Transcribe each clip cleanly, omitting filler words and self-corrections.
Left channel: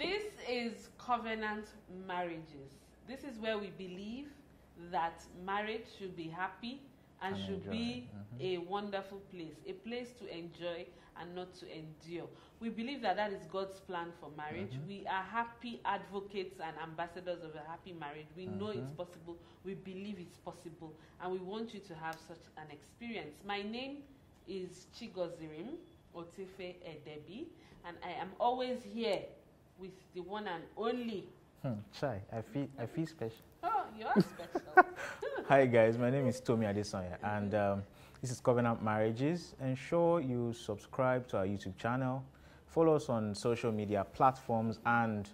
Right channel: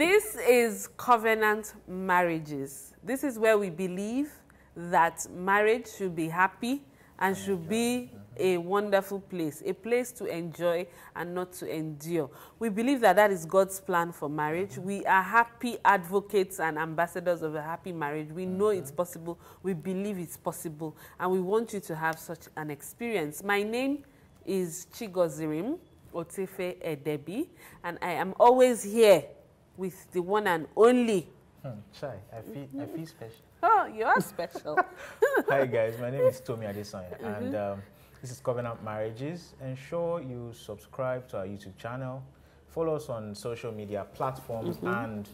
This is covenant marriages. This is where we believe that marriage should be happy and should be a wonderful place, a place to enjoy and not to endure. We believe that that is God's plan for marriage. We are happy advocates and ambassadors of a happy marriage. We know it's possible. We believe it's possible. And we want you to have such an experience. My name is Ngozi Otefe Edebi, and I am always here with the one and only. Chai, I feel special. Oh, you are special. Hi guys, my name is Tomi Adesanya, and this is Covenant Marriages. Ensure you subscribe to our YouTube channel, follow us on social media platforms, and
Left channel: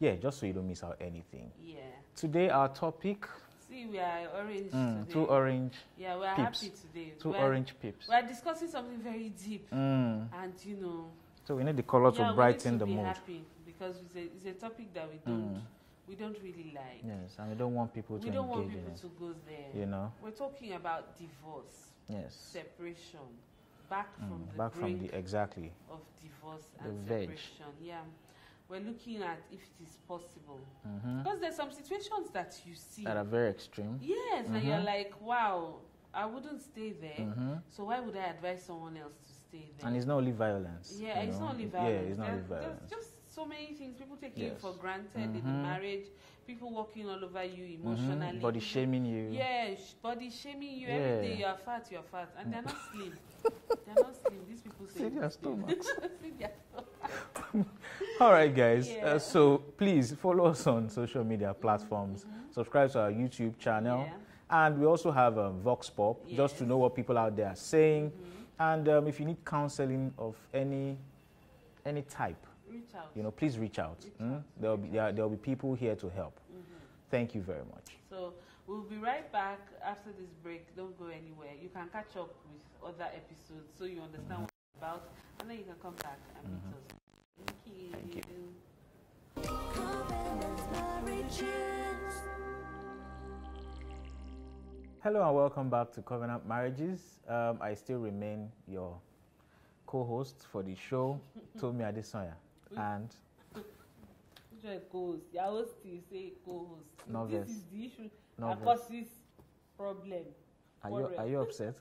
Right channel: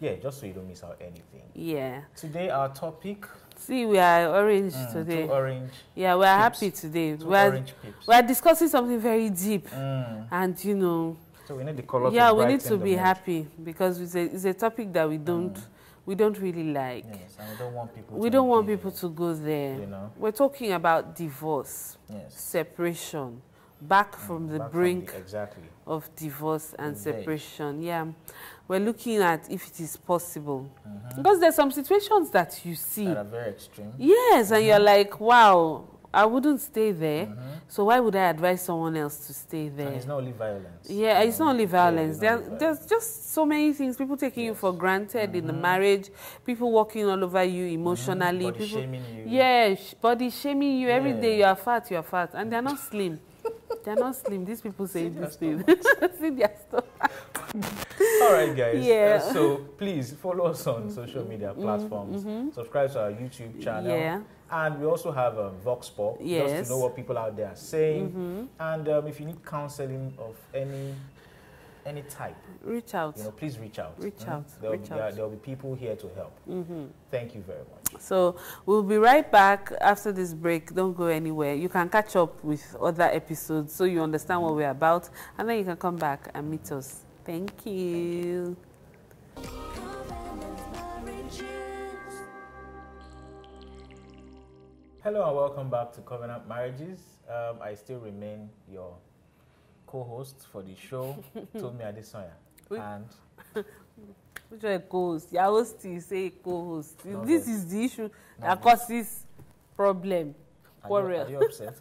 yeah, just so you don't miss out anything. Yeah. Today our topic. See, we are orange today. Two orange. Yeah, we are happy today. Two orange pips. We are discussing something very deep, and you know. So we need the color to brighten the mood. Yeah, we need to be happy because it's a topic that we don't really like. Yes, and we don't want people. We don't want people to go there. You know, we're talking about divorce, separation, back from the brink of divorce and separation. Yeah, we're looking at if it is possible because there's some situations that you see that are very extreme. Yes, and you're like, wow, I wouldn't stay there, so why would I advise someone else to stay there? And it's not only violence. Yeah, it's not only violence. There's just so many things. People taking you for granted in the marriage, people walking all over you emotionally. Body shaming you. Yeah, body shaming you. Every day you are fat, and they're not slim. They're not slim. These people say this thing. See their stomach. All right, guys. So please follow us on social media platforms. Subscribe to our YouTube channel. Yeah. And we also have Vox Pop, just to know what people out there are saying. And if you need counseling of any type, reach out. You know, please reach out. There'll be people here to help. Thank you very much. So we'll be right back after this break. Don't go anywhere. You can catch up with other episodes so you understand what we're about, and then you can come back and meet us. Thank you. Hello and welcome back to Covenant Marriages. I still remain your co-host for the show, Tomi Adesanya. And which one co-host? Your host, you say co-host. This is the issue that causes problem. Are you upset?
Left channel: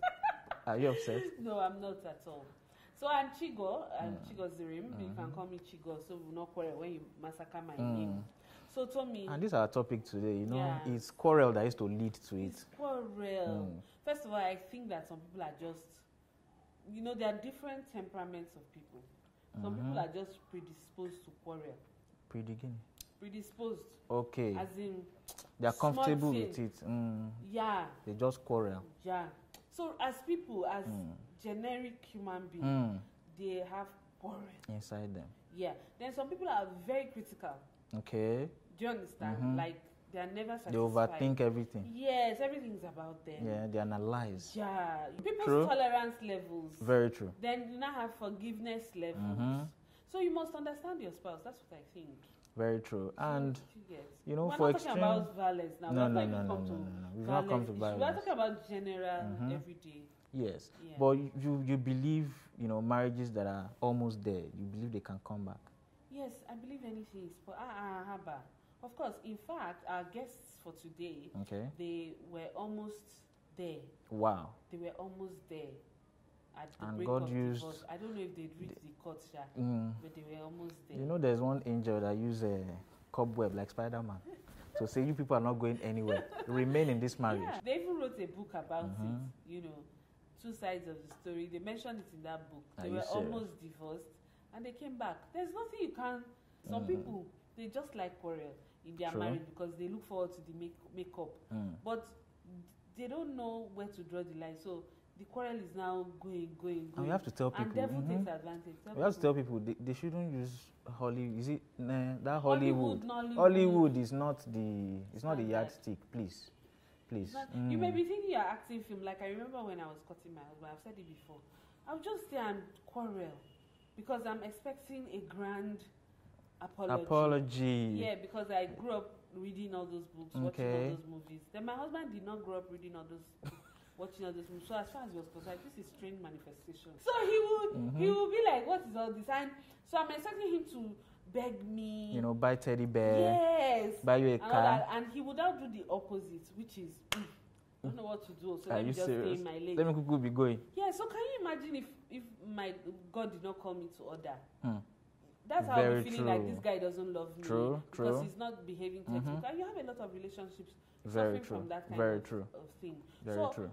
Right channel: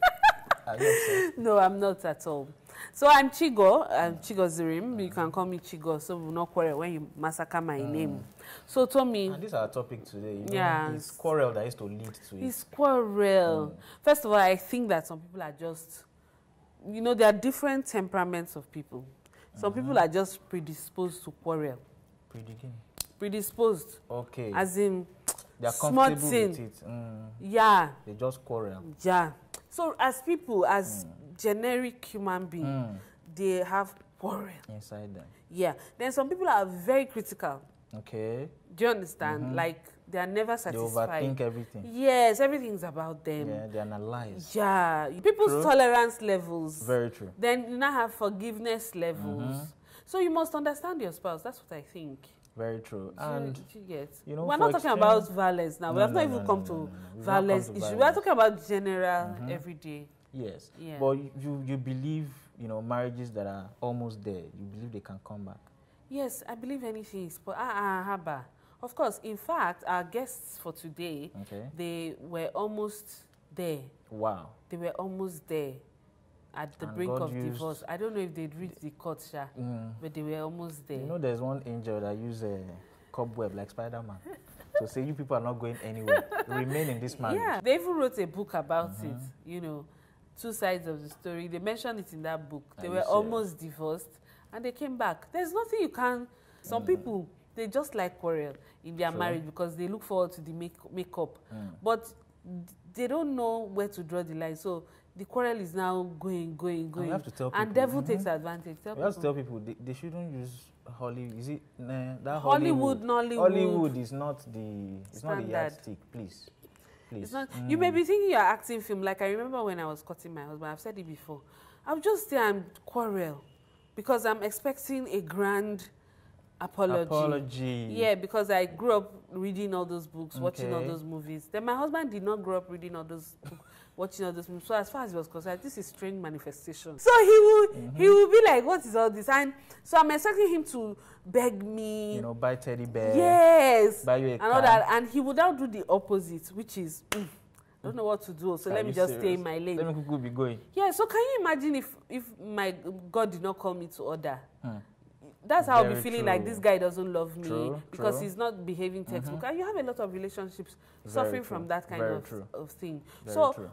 Are you upset? No, I'm not at all. So I'm Chigo. I'm Chigozirim. You can call me Chigo, so we'll not quarrel when you massacre my name. So Tomi. And this is our topic today. You know, it's quarrel that used to lead to it. It's quarrel. First of all, I think that some people are just, you know, there are different temperaments of people. Some people are just predisposed to quarrel. Predisposed. Okay. As in, they are comfortable with it. Yeah. They just quarrel. Yeah. So as people, as generic human beings, they have quarrel inside them. Yeah. Then some people are very critical. Okay. Do you understand? Like, they are never satisfied. They overthink everything. Yes, everything's about them. Yeah, they analyze. Yeah. People's tolerance levels. Very true. Then you now have forgiveness levels. So you must understand your spouse. That's what I think. Very true. And, you know, we're not talking about violence now. We have not even come to violence issues. We are talking about general, everyday. Yes. Yeah. But you believe, you know, marriages that are almost there, you believe they can come back? Yes, I believe anything is Haba. Of course, in fact, our guests for today, they were almost there. Wow. They were almost there at the brink of divorce. I don't know if they'd reached the court, but they were almost there. You know, there's one angel that uses a cobweb like Spider-Man to say you people are not going anywhere. Remain in this marriage. Yeah, they even wrote a book about it, you know, two sides of the story. They mentioned it in that book. They were almost divorced. And they came back. There's nothing you can. Some people, they just like quarrel in their marriage because they look forward to the makeup. But they don't know where to draw the line. So the quarrel is now going. And you have to tell people. And devil takes advantage. You have to tell people they shouldn't use Hollywood. Is it that Hollywood? Hollywood is not the. It's not the yardstick. Please. You may be thinking you're acting film. Like I remember when I was cutting my husband. I've said it before. I'll just say I'm quarrel. Because I'm expecting a grand apology. Yeah, because I grew up reading all those books, watching all those movies. Then my husband did not grow up reading all those books. watching all this. So as far as he was concerned, this is strange manifestation. So he will be like, what is all this? And so I'm expecting him to beg me. You know, buy teddy bear. Yes. Buy you a car. All that. And he would now do the opposite, which is, I don't know what to do, so let me just stay in my lane. Let me be going. Yeah, so can you imagine if my God did not call me to order? That's how I'll be feeling like this guy doesn't love me because he's not behaving textbook. And you have a lot of relationships suffering from that kind of thing.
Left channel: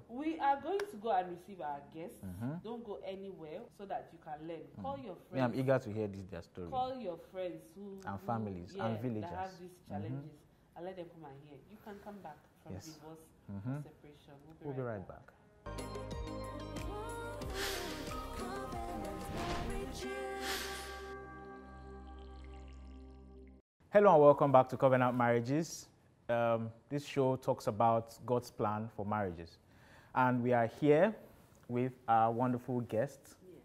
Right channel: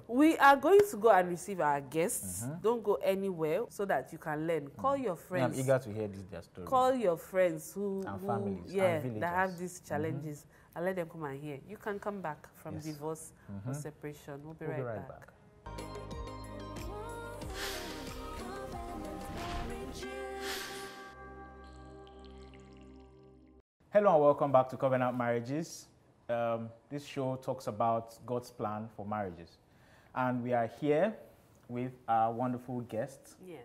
We are going to go and receive our guests. Don't go anywhere so that you can learn. Call your friends. I'm eager to hear their stories. Call your friends and families and villagers that have these challenges and let them come and hear. You can come back from divorce or separation. We'll be right back. Hello and welcome back to Covenant Marriages. This show talks about God's plan for marriages. And we are here with our wonderful guests. Yes.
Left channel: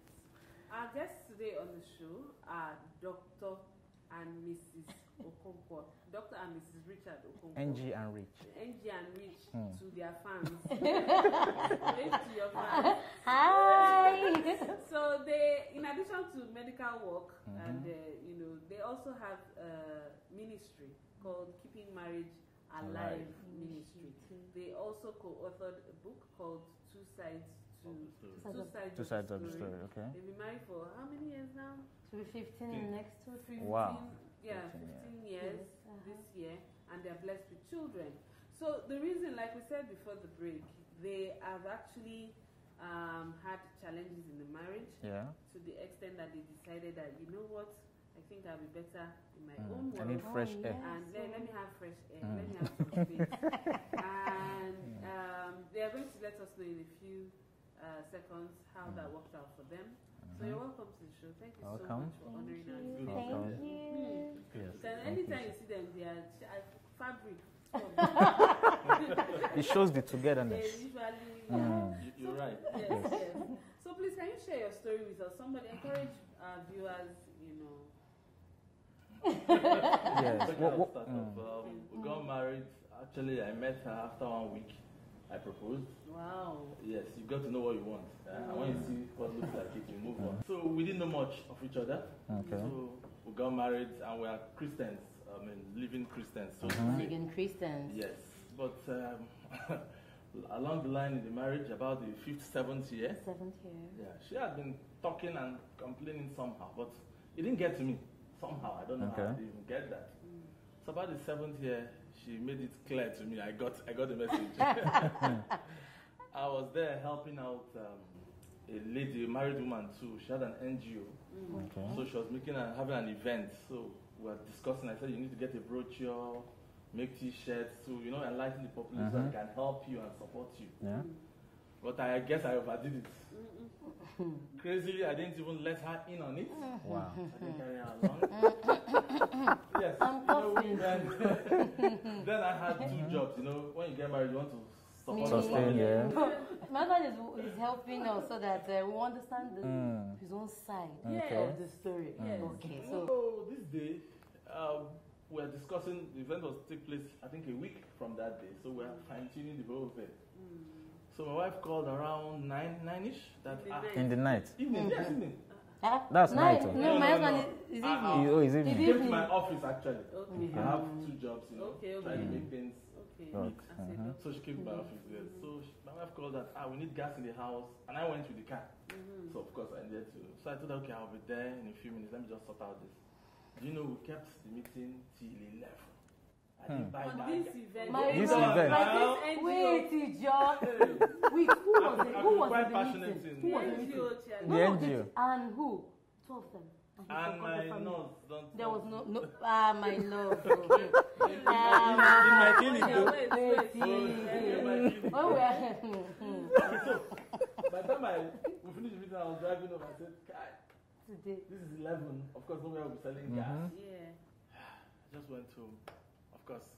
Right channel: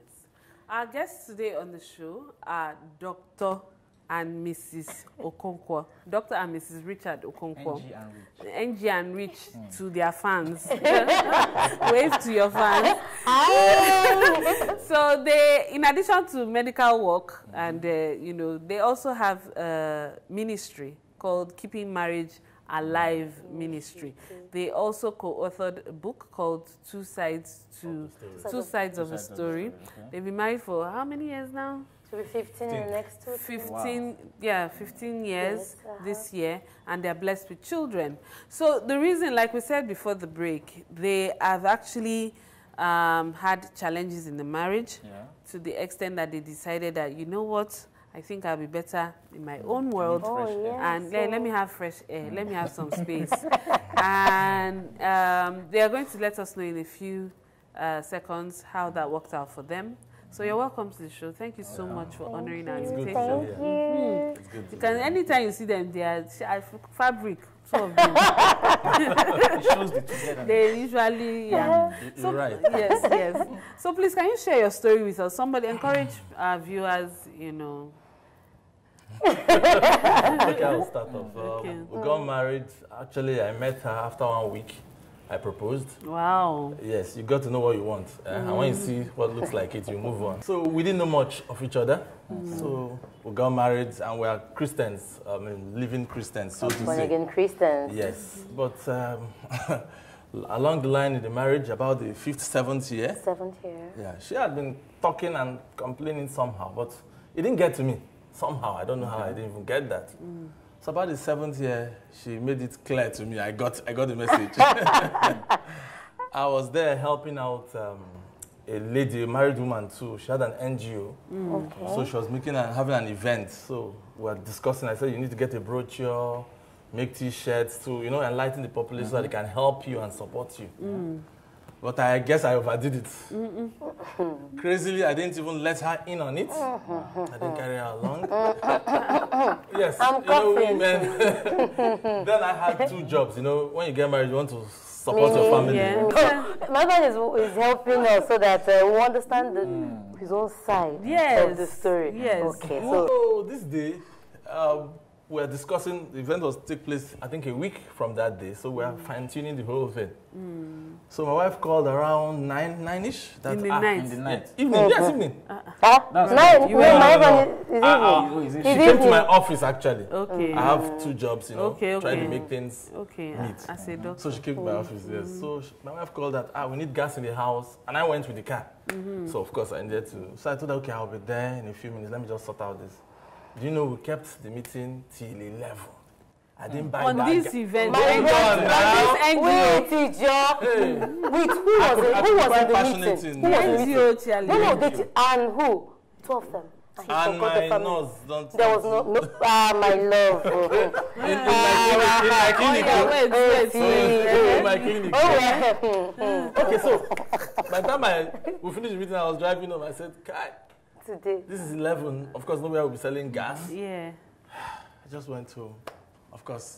Our guests today on the show are Dr. and Mrs. Okonkwo. Dr. and Mrs. Richard Okonkwo. Ngee and Rich. Ngee and Rich to their fans. Wave to your fans. So they, in addition to medical work, and they also have a ministry called Keeping Marriage Alive Ministry. They also co-authored a book called Two Sides of the Story. Okay. They've been married for how many years now? To be 15 in the next 2 15, wow. Yeah, 15 years this year, and they're blessed with children. So the reason, like we said before the break, they have actually had challenges in the marriage to the extent that they decided that, you know what, I think I'll be better in my own world, and let me have fresh air, let me have some space. And they are going to let us know in a few seconds how that worked out for them. So you're welcome to the show. Thank you so much for honoring our invitation. Thank you. You can, anytime you see them, they are fabric. Some of them. It shows the togetherness. They usually, You're right. Yes. So please, can you share your story with us? Somebody encourage our viewers, Okay, I'll start off. We got married. Actually, I met her after 1 week. I proposed. Wow. Yes, you got to know what you want. And when you see what looks like it, you move on. So we didn't know much of each other. So we got married and we are Christians, living Christians. So born again Christians. Yes. But along the line in the marriage, about the 5th, 7th year. 7th year. Yeah, she had been talking and complaining somehow, but it didn't get to me. Somehow, I don't know how I didn't even get that. So about the 7th year, she made it clear to me. I got the message. I was there helping out a lady, a married woman too. She had an NGO. So she was having an event. So we were discussing. I said, you need to get a brochure, make T-shirts to, enlighten the populace so that they can help you and support you. But I guess I overdid it. Crazily, I didn't even let her in on it. I didn't carry her along. Yes, then I had 2 jobs. When you get married, you want to support your family. My man is helping us so that we understand his own side of the story. Okay. So this day, we are discussing, the event was take place, I think, a week from that day. So we are fine-tuning the whole thing. So my wife called around 9-ish. In the night? In the night. Evening, yes, evening. That's night. She came to my office, actually. Okay. I have 2 jobs, trying to make things meet. As a doctor. So she came to my office, yes. So my wife called that, we need gas in the house. And I went with the car. So, of course, I needed to. So I told her, okay, I'll be there in a few minutes. Let me just sort out this. Do you know we kept the meeting till 11? I didn't buy on that. This event. Wait, teacher. Wait, who was in the meeting? Who was in the meeting? And who? 2 of them. And my nose, don't. There was no my love. In my clinic. In my clinic. Okay, so by the time we finished the meeting, I was driving home. I said, Kai, today. This is 11. Of course, nowhere will be selling gas. Yeah. I just went to, of course,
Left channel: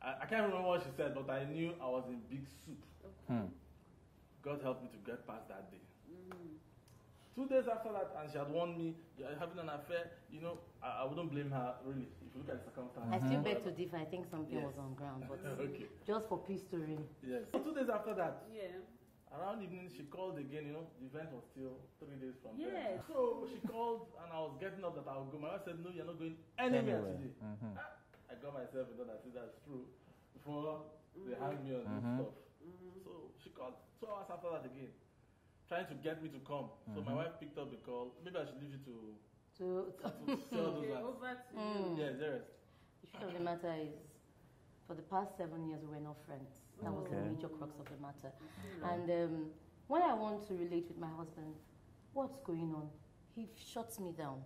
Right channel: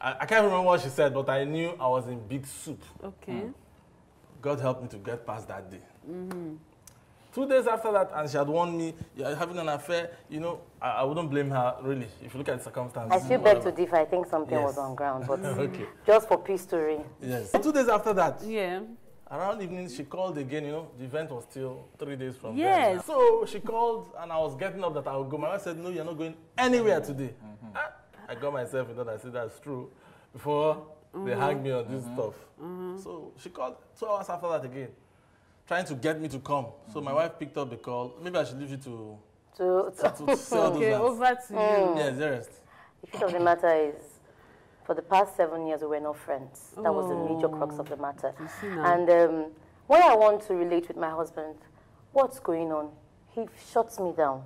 I can't remember what she said, but I knew I was in big soup. Okay. God helped me to get past that day. 2 days after that, and she had warned me, you're having an affair, you know, I wouldn't blame her, really, if you look at the circumstances. I still beg to differ. I think something was on ground, but okay. Just for peace to reign. Yes. So 2 days after that, yeah, around evening, she called again, you know, the event was still 3 days from there. So she called, and I was getting up that I would go. My wife said, no, you're not going anywhere today. I got myself in that. I said, that's true. Before they hang me on this stuff. So she called 2 hours after that again, trying to get me to come. So my wife picked up the call. Maybe I should leave you to say all those okay, over to you. Yes, the rest. The truth of the matter is, for the past 7 years, we were not friends. That was the major crux of the matter. And when I want to relate with my husband, what's going on? He shuts me down.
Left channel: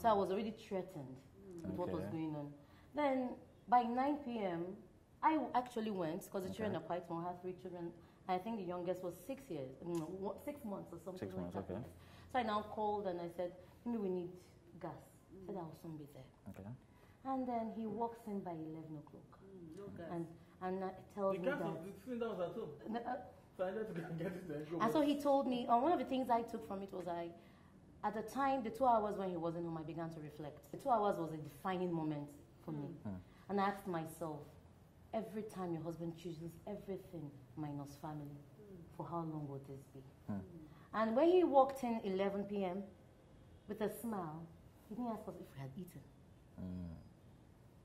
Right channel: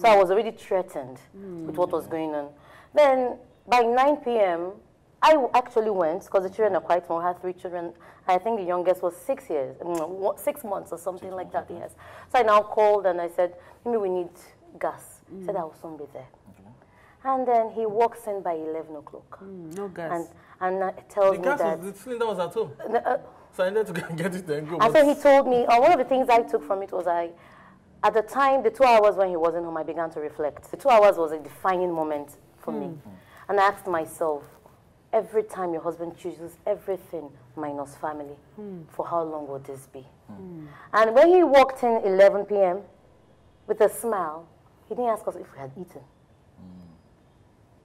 So I was already threatened with what was going on. Then by 9 p.m., I actually went, because the children are quite small. I had 3 children. I think the youngest was 6 years, 6 months or something like that, yes. So I now called and I said, maybe we need gas. He said, I will soon be there. And then he walks in by 11 o'clock. No gas. And tells me that... The cylinder was at home. So I needed to get it and go. And so he told me, one of the things I took from it was at the time, the 2 hours when he wasn't home, I began to reflect. The 2 hours was a defining moment for me. And I asked myself, every time your husband chooses everything minus family, for how long will this be? And when he walked in 11 p.m. with a smile, he didn't ask us if we had eaten.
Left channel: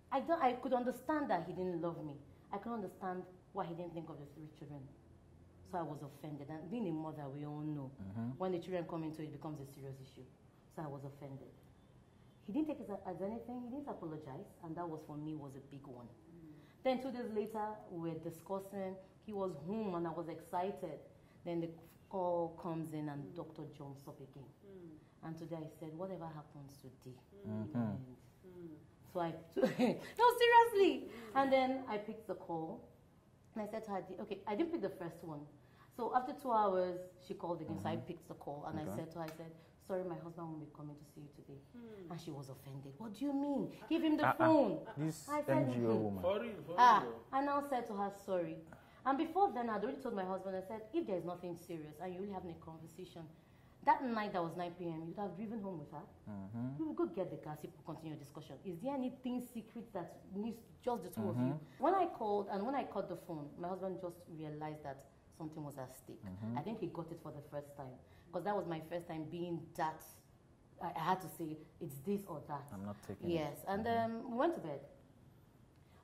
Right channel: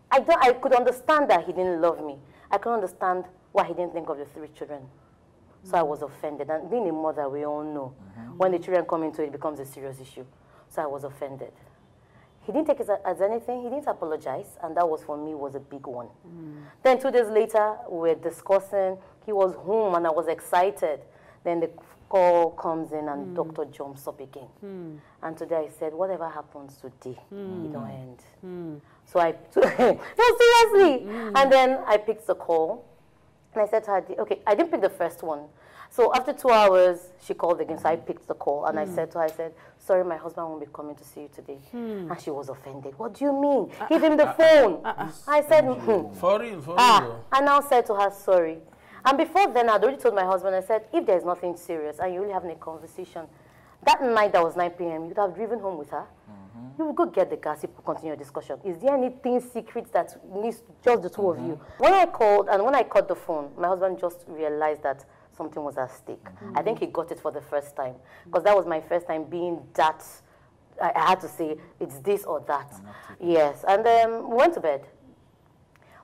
I could understand that he didn't love me. I could understand why he didn't think of the 3 children. So I was offended. And being a mother, we all know, when the children come into it, it becomes a serious issue. So I was offended. He didn't take it as anything. He didn't apologize. And that was, for me, was a big one. Then 2 days later, we were discussing. He was home, and I was excited. Then the call comes in, and doctor jumps up again. And today I said, whatever happens today, it don't end. So I, no, seriously. And then I picked the call. And I said to her, okay, I didn't pick the first one. So after 2 hours, she called again. So I picked the call. And I said to her, I said, sorry, my husband won't be coming to see you today. And she was offended. What do you mean? Give him the phone. I said, For real. I now said to her, sorry. And before then, I'd already told my husband, I said, if there's nothing serious and you're really having a conversation, that night that was 9 p.m., you'd have driven home with her. You would go get the gas, you continue your discussion. Is there anything secret that needs just the 2 of you? When I called and when I cut the phone, my husband just realized that something was at stake. I think he got it for the first time, because that was my first time being that, I had to say, it's this or that. Yes, and we went to bed.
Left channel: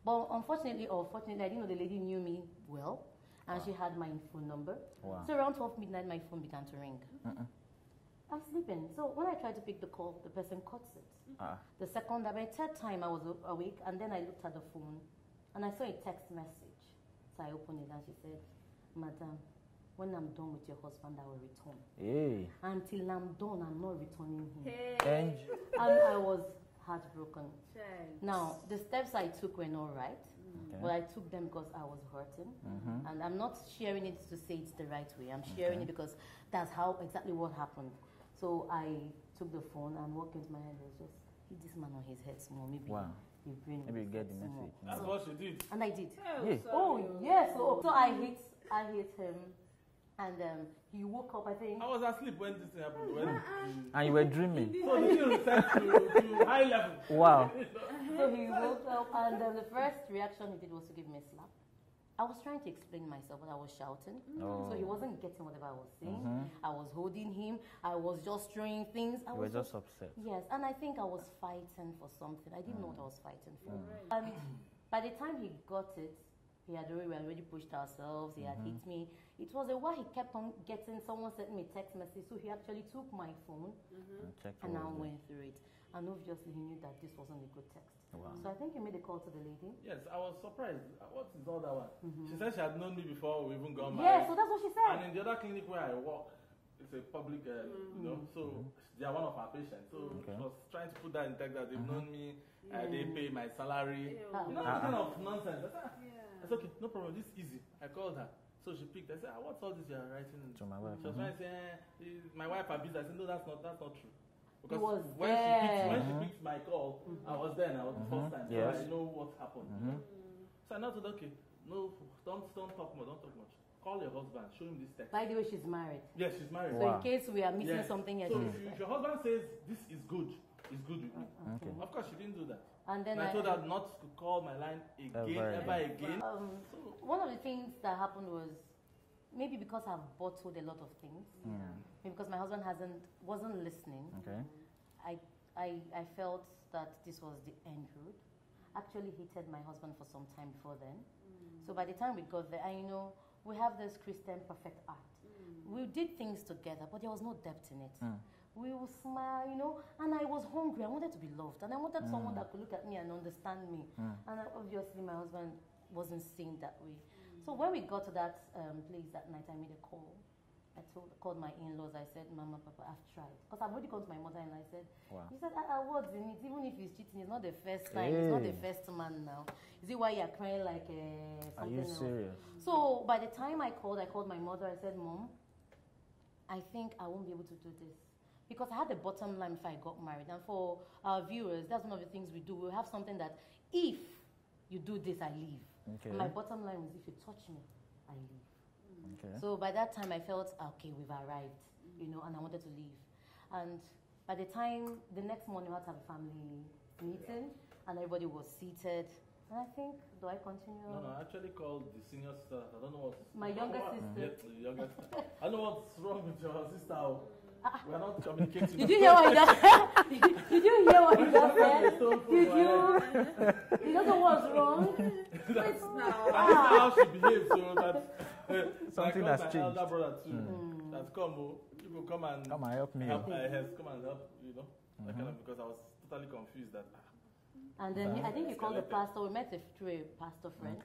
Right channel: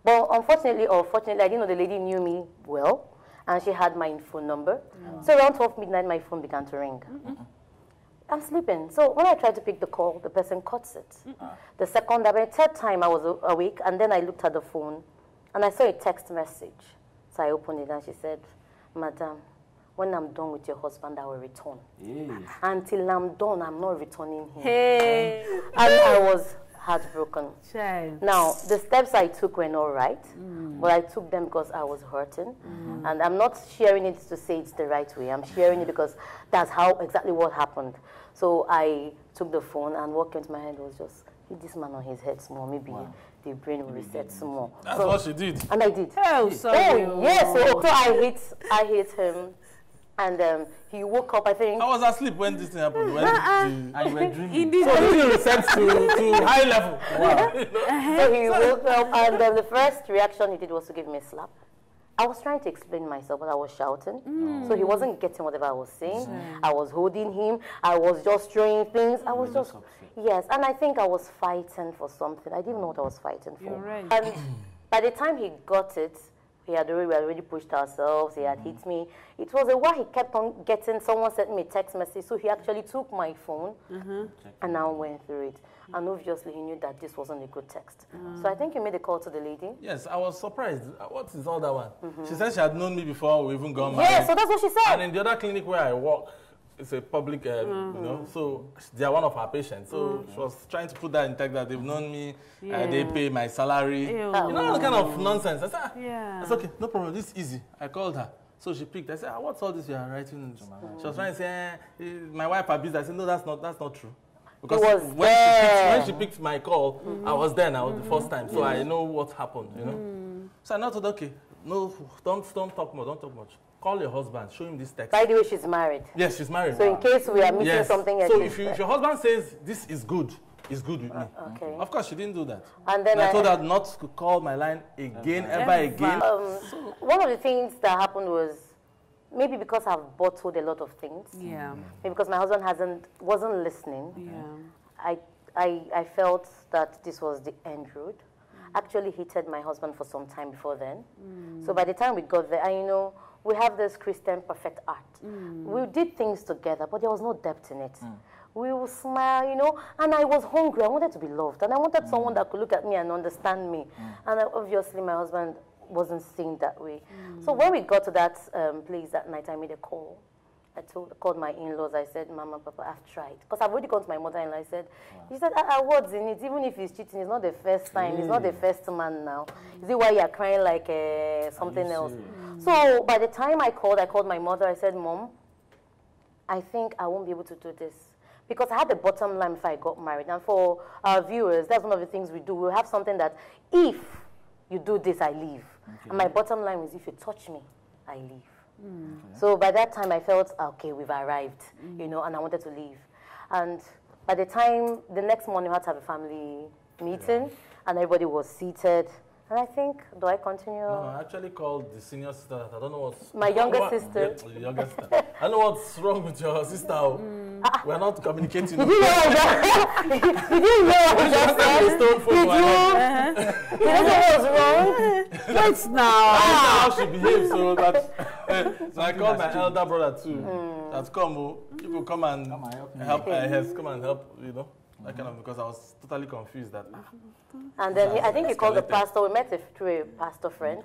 But unfortunately or fortunately, I didn't know the lady knew me well, and she had my phone number. So around 12 midnight, my phone began to ring. I'm sleeping. So when I tried to pick the call, the person cuts it. The second, the third time I was awake, and then I looked at the phone, and I saw a text message. So I opened it, and she said, Madam, when I'm done with your husband, I will return. Until I'm done, I'm not returning him. And I was heartbroken. Now, the steps I took were not right, but I took them because I was hurting. And I'm not sharing it to say it's the right way. I'm sharing it because that's how exactly what happened. So I took the phone, and what came to my head was just, hit this man on his head small. Maybe the brain will reset small. That's what she did. And I did. Oh, yes. So I hit him. And he woke up, I think. I was asleep when this thing happened. And you were dreaming. So this is reset to high level. Wow. So he woke up, and the first reaction he did was to give me a slap. I was trying to explain myself, but I was shouting. So he wasn't getting whatever I was saying. I was holding him. I was just throwing things. I was just upset. Yes, and I think I was fighting for something. I didn't know what I was fighting for. Right. And by the time he got it, we had already pushed ourselves. He had hit me. It was a while he kept on getting, someone sent me a text message. So he actually took my phone and now went through it. And obviously he knew that this wasn't a good text. So I think you made a call to the lady. Yes, I was surprised. What is all that one? She said she had known me before we even got married. Yeah, so that's what she said. And in the other clinic where I work, it's a public, you know, so they are one of our patients. So she was trying to put that in text that they've known me, they pay my salary. You know, all kind of nonsense. I said, it's okay, no problem, this is easy. I called her. So she picked. I said, what's all this you are writing to my wife? She was trying to say, my wife abused. I said, no, that's not true. Because when she picked my call, I was there. I was the first time, so I know what happened. You know. So I thought, okay, no, don't talk much, don't talk much. Call your husband, show him this text. By the way, she's married. Yes, she's married. So in case we are missing something else. So if your husband says, this is good, it's good with me. Okay. Of course, she didn't do that. And then I told her not to call my line again, ever again. One of the things that happened was, maybe because I've bottled a lot of things. Yeah. Maybe because my husband wasn't listening. Yeah. I felt that this was the end road. Actually hated my husband for some time before then. So by the time we got there, and we have this Christian perfect art. We did things together, but there was no depth in it. We would smile, and I was hungry. I wanted to be loved, and I wanted someone that could look at me and understand me. And obviously, my husband wasn't seeing that way. So when we got to that place that night, I made a call. I called my in-laws. I said, Mama, Papa, I've tried. Because I've already gone to my mother-in-law. I said, he said, what's in it? Even if he's cheating, it's not the first time. It's not the first man now. Is it why you're crying like something else? So by the time I called my mother. I said, Mom, I think I won't be able to do this. Because I had the bottom line before I got married. And for our viewers, that's one of the things we do. We'll have something that if you do this, I leave. And my bottom line is if you touch me, I leave. So by that time, I felt, okay, we've arrived, and I wanted to leave. And by the time, the next morning, we had to have a family meeting, and everybody was seated. And I think, do I continue? No, I actually called the senior sister. I don't know what's... My younger sister. Yeah, your sister. I know what's wrong with your sister. We're not communicating. Did you hear what I just said? You don't know what's wrong? Let's now. How she behaves, so that... so I called my elder brother too. That's come, people come and help me. Come and help, that kind of, because I was totally confused that... And then I think he called the pastor. We met through a pastor friend.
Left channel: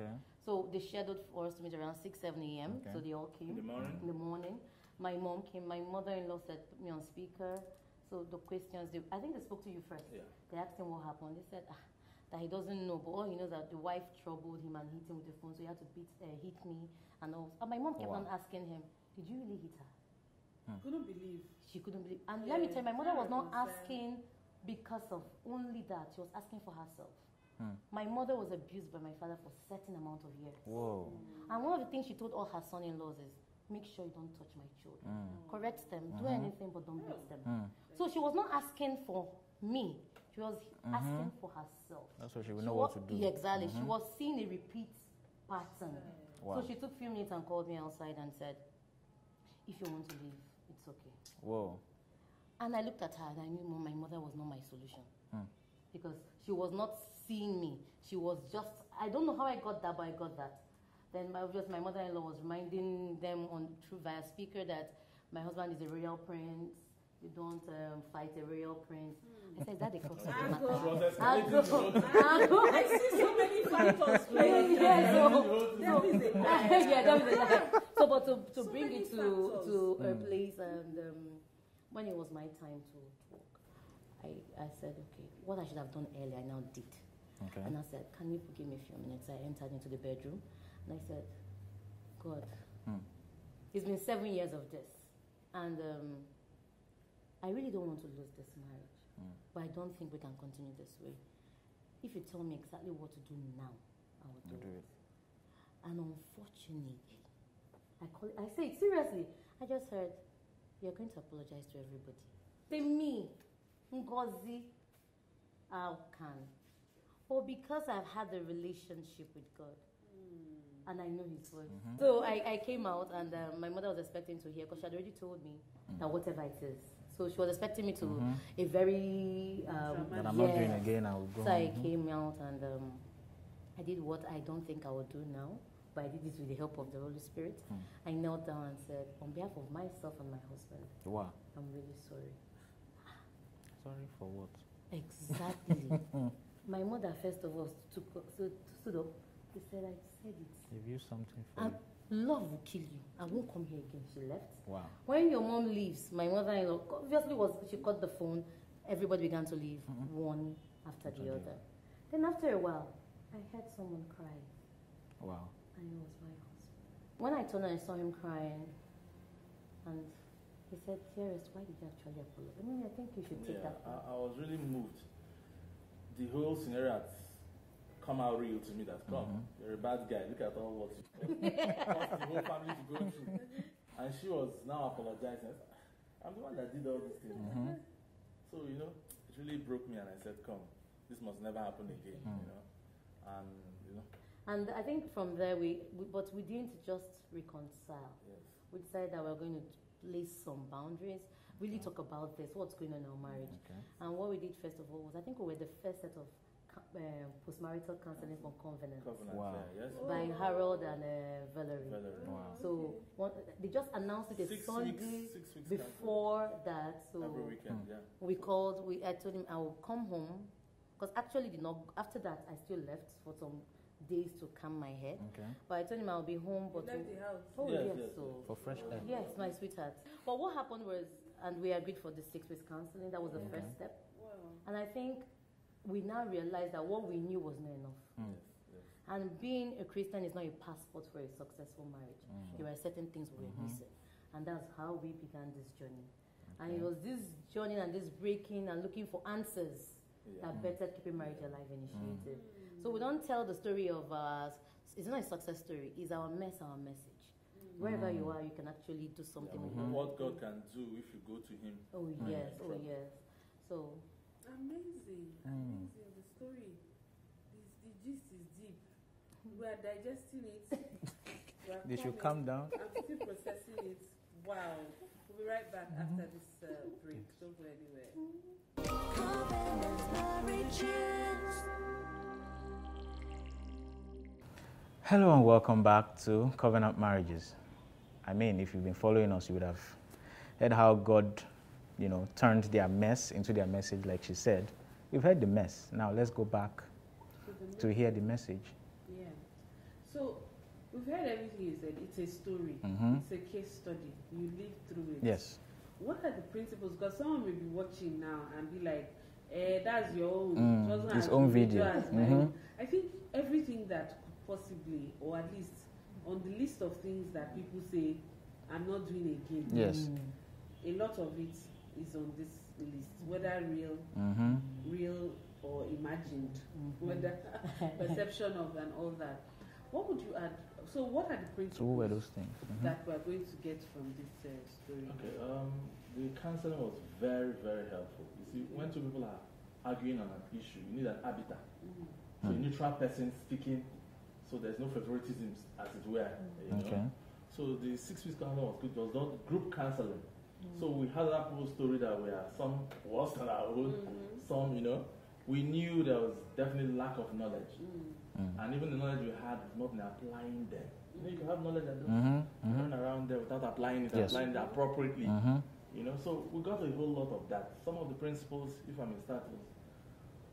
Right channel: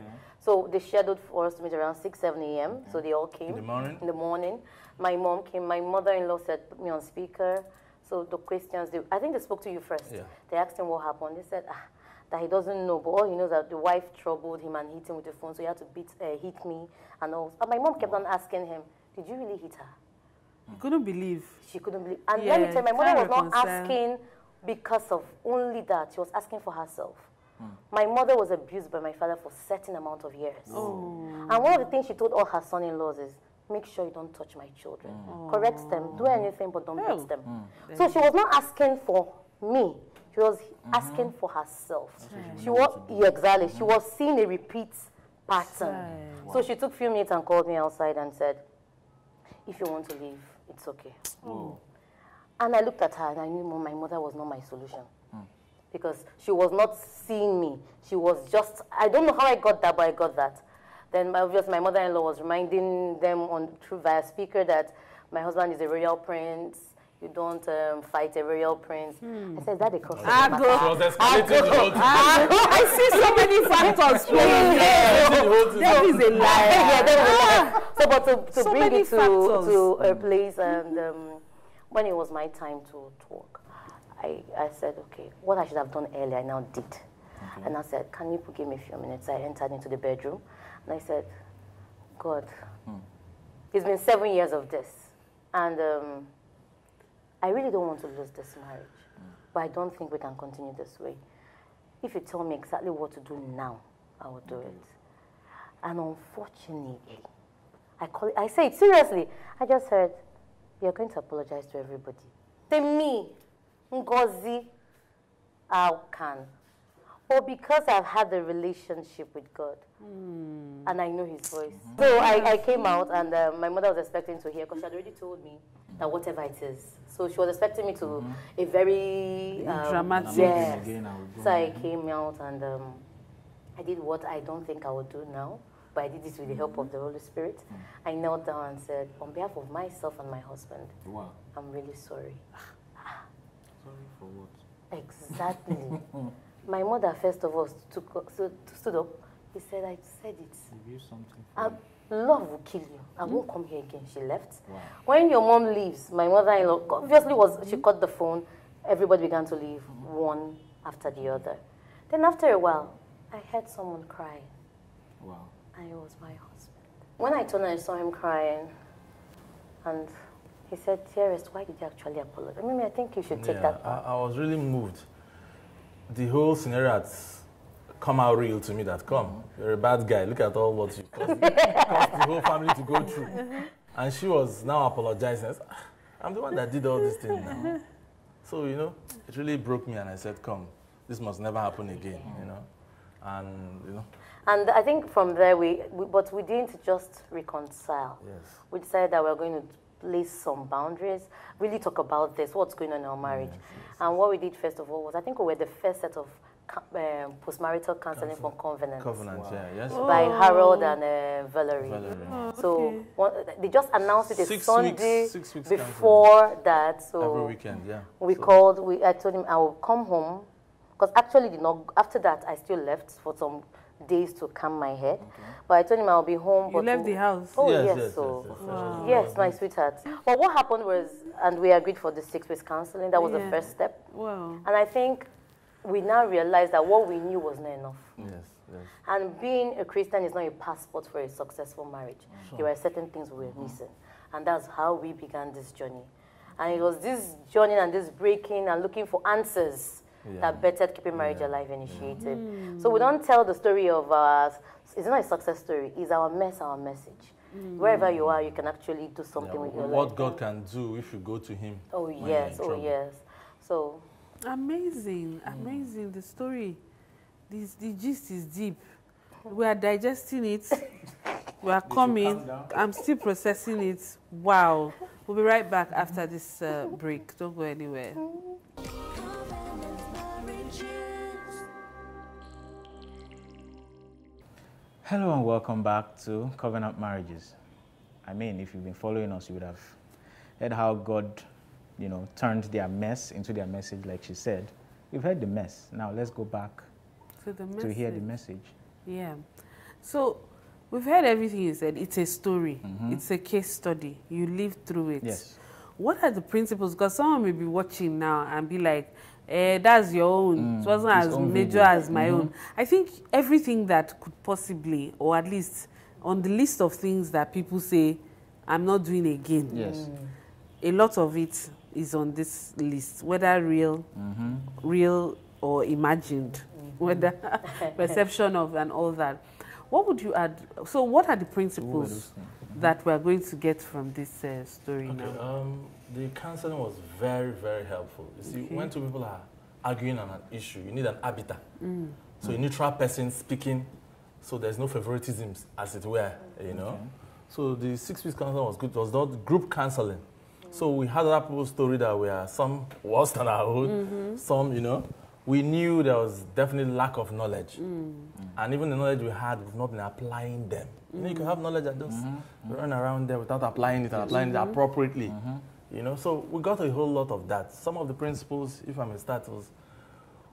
So they scheduled for us to meet around 6, 7 a.m. So they all came. In the morning. My mom came. My mother-in-law said, put me on speaker. So the questions, I think they spoke to you first. Yeah. They asked him what happened. They said that he doesn't know, but all he knows that the wife troubled him and hit him with the phone. So he had to hit me and all. But my mom kept on asking him, did you really hit her? Couldn't believe. She couldn't believe. And let me tell you, my mother was not asking because of only that. She was asking for herself. My mother was abused by my father for a certain amount of years. And one of the things she told all her son-in-laws is, make sure you don't touch my children. Correct them, do anything, but don't beat them. So she was not asking for me. She was asking for herself. She was seeing a repeat pattern. So she took a few minutes and called me outside and said, if you want to leave, it's okay. And I looked at her and I knew my mother was not my solution. Because she was not seeing me. She was just, I don't know how I got that, but I got that. Then obviously my mother-in-law was reminding them via speaker that my husband is a royal prince. You don't fight a royal prince. I said, that a cross. I see so many factors. That is a lie. So, but to bring it to a place, and when it was my time to talk, I said, okay, what I should have done earlier, I now did. And I said, can you give me a few minutes? I entered into the bedroom, and I said, God, it's been 7 years of this, and I really don't want to lose this marriage, but I don't think we can continue this way. If you tell me exactly what to do now, I will do it. And unfortunately, I say it seriously. I just heard, you're going to apologize to everybody. Say me, Ngozi, how can? Or because I've had a relationship with God, and I know His voice. So I came out, and my mother was expecting to hear, because she had already told me that whatever it is. So she was expecting me to a very dramatic. So I came out, and I did what I don't think I would do now, but I did this with the help of the Holy Spirit. I knelt down and said, on behalf of myself and my husband, I'm really sorry. Sorry for what? Exactly. My mother, first of all, stood up. He said, I said it. Give you something for love will kill you. I won't come here again. She left. When your mom leaves, my mother-in-law, obviously she cut the phone. Everybody began to leave, one after the other. Then after a while, I heard someone crying. And it was my husband. When I turned and I saw him crying, and he said, dearest, why did you actually apologize? I think you should take that back. I was really moved. The whole scenario had come out real to me that, come, you're a bad guy. Look at all what you've caused the whole family to go through. And she was now apologizing. I said, I'm the one that did all these things now. So, you know, it really broke me, and I said, come, this must never happen again, you know. And, you know. And I think from there, but we didn't just reconcile. Yes. We decided that we're going to place some boundaries, really talk about this, what's going on in our marriage. And what we did first of all was, I think we were the first set of postmarital counseling for Covenant. Covenant, yes. By Harold and Valerie. Oh, so they just announced it a 6 Sunday weeks before that. So every weekend, yeah. I told him I will come home, because actually after that I still left for some days to calm my head. But I told him I'll be home. You left the house? Oh, yes. Yes, my sweetheart. But what happened was, and we agreed for the 6 weeks counseling, that was the first step. Wow. And I think we now realized that what we knew was not enough. Yes. And being a Christian is not a passport for a successful marriage. There were certain things we were missing. And that's how we began this journey. And it was this journey and this breaking and looking for answers that Better Keeping Marriage Alive initiated. So we don't tell the story of it's not a success story, it's our mess, our message. Wherever you are, you can actually do something with your life. What God can do if you go to Him. Oh, yes, So... Amazing, the story. The gist is deep. We are digesting it. We are coming. I'm still processing it. Wow. We'll be right back after this break. Don't go anywhere. Hello and welcome back to Covenant Marriages. I mean, if you've been following us, you would have heard how God, you know, turned their mess into their message, like she said. We've heard the mess. Now let's go back to hear the message. Yeah. So we've heard everything you said. It's a story. It's a case study. You lived through it. Yes. What are the principles? Because someone may be watching now and be like, that's your own. It wasn't as major as my own. I think everything that could possibly, or at least on the list of things that people say, I'm not doing again. Yes. A lot of it is on this list, whether real or imagined, whether perception of and all that. What would you add? So what are the principles that we're going to get from this story now? The counseling was very, very helpful. You see, when two people are arguing on an issue, you need an arbiter. So a neutral person speaking, so there's no favoritisms, as it were, you know. So the 6 weeks counseling was good. It was not group counseling. So we had other people's story that were some worse than our own, some, you know. We knew there was definitely lack of knowledge. And even the knowledge we had, we've not been applying them. You know, you can have knowledge and just run around there without applying it and applying it appropriately. You know, so we got a whole lot of that. Some of the principles, if I may start, was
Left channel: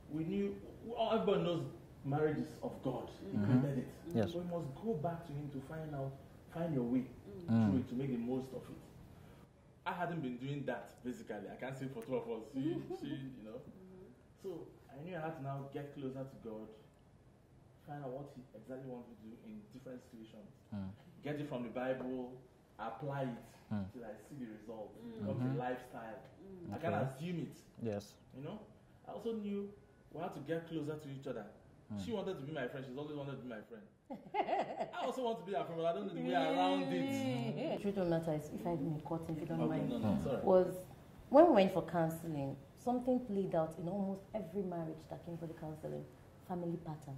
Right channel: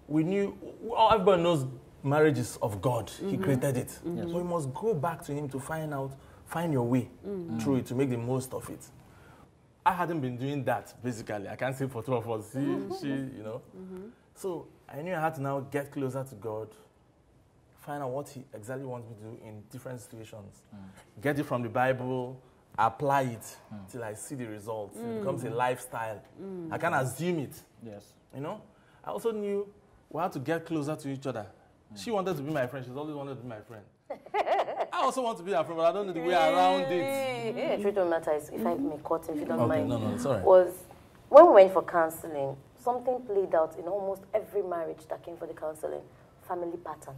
we knew, everybody knows marriage is of God. He created it. So we must go back to Him to find your way through it, to make the most of it. I hadn't been doing that, basically. I can't say for two of us. She, you know. So I knew I had to now get closer to God, find out what He exactly wants me to do in different situations. Get it from the Bible, apply it till I see the results. It becomes a lifestyle. I can't assume it. Yes. You know? I also knew we had to get closer to each other. She wanted to be my friend. She's always wanted to be my friend. I also want to be her friend, but I don't know the way around it. The truth of the matter is, if I may cut, if you don't mind, no, sorry. was when we went for counseling, something played out in almost every marriage that came for the counseling, family pattern.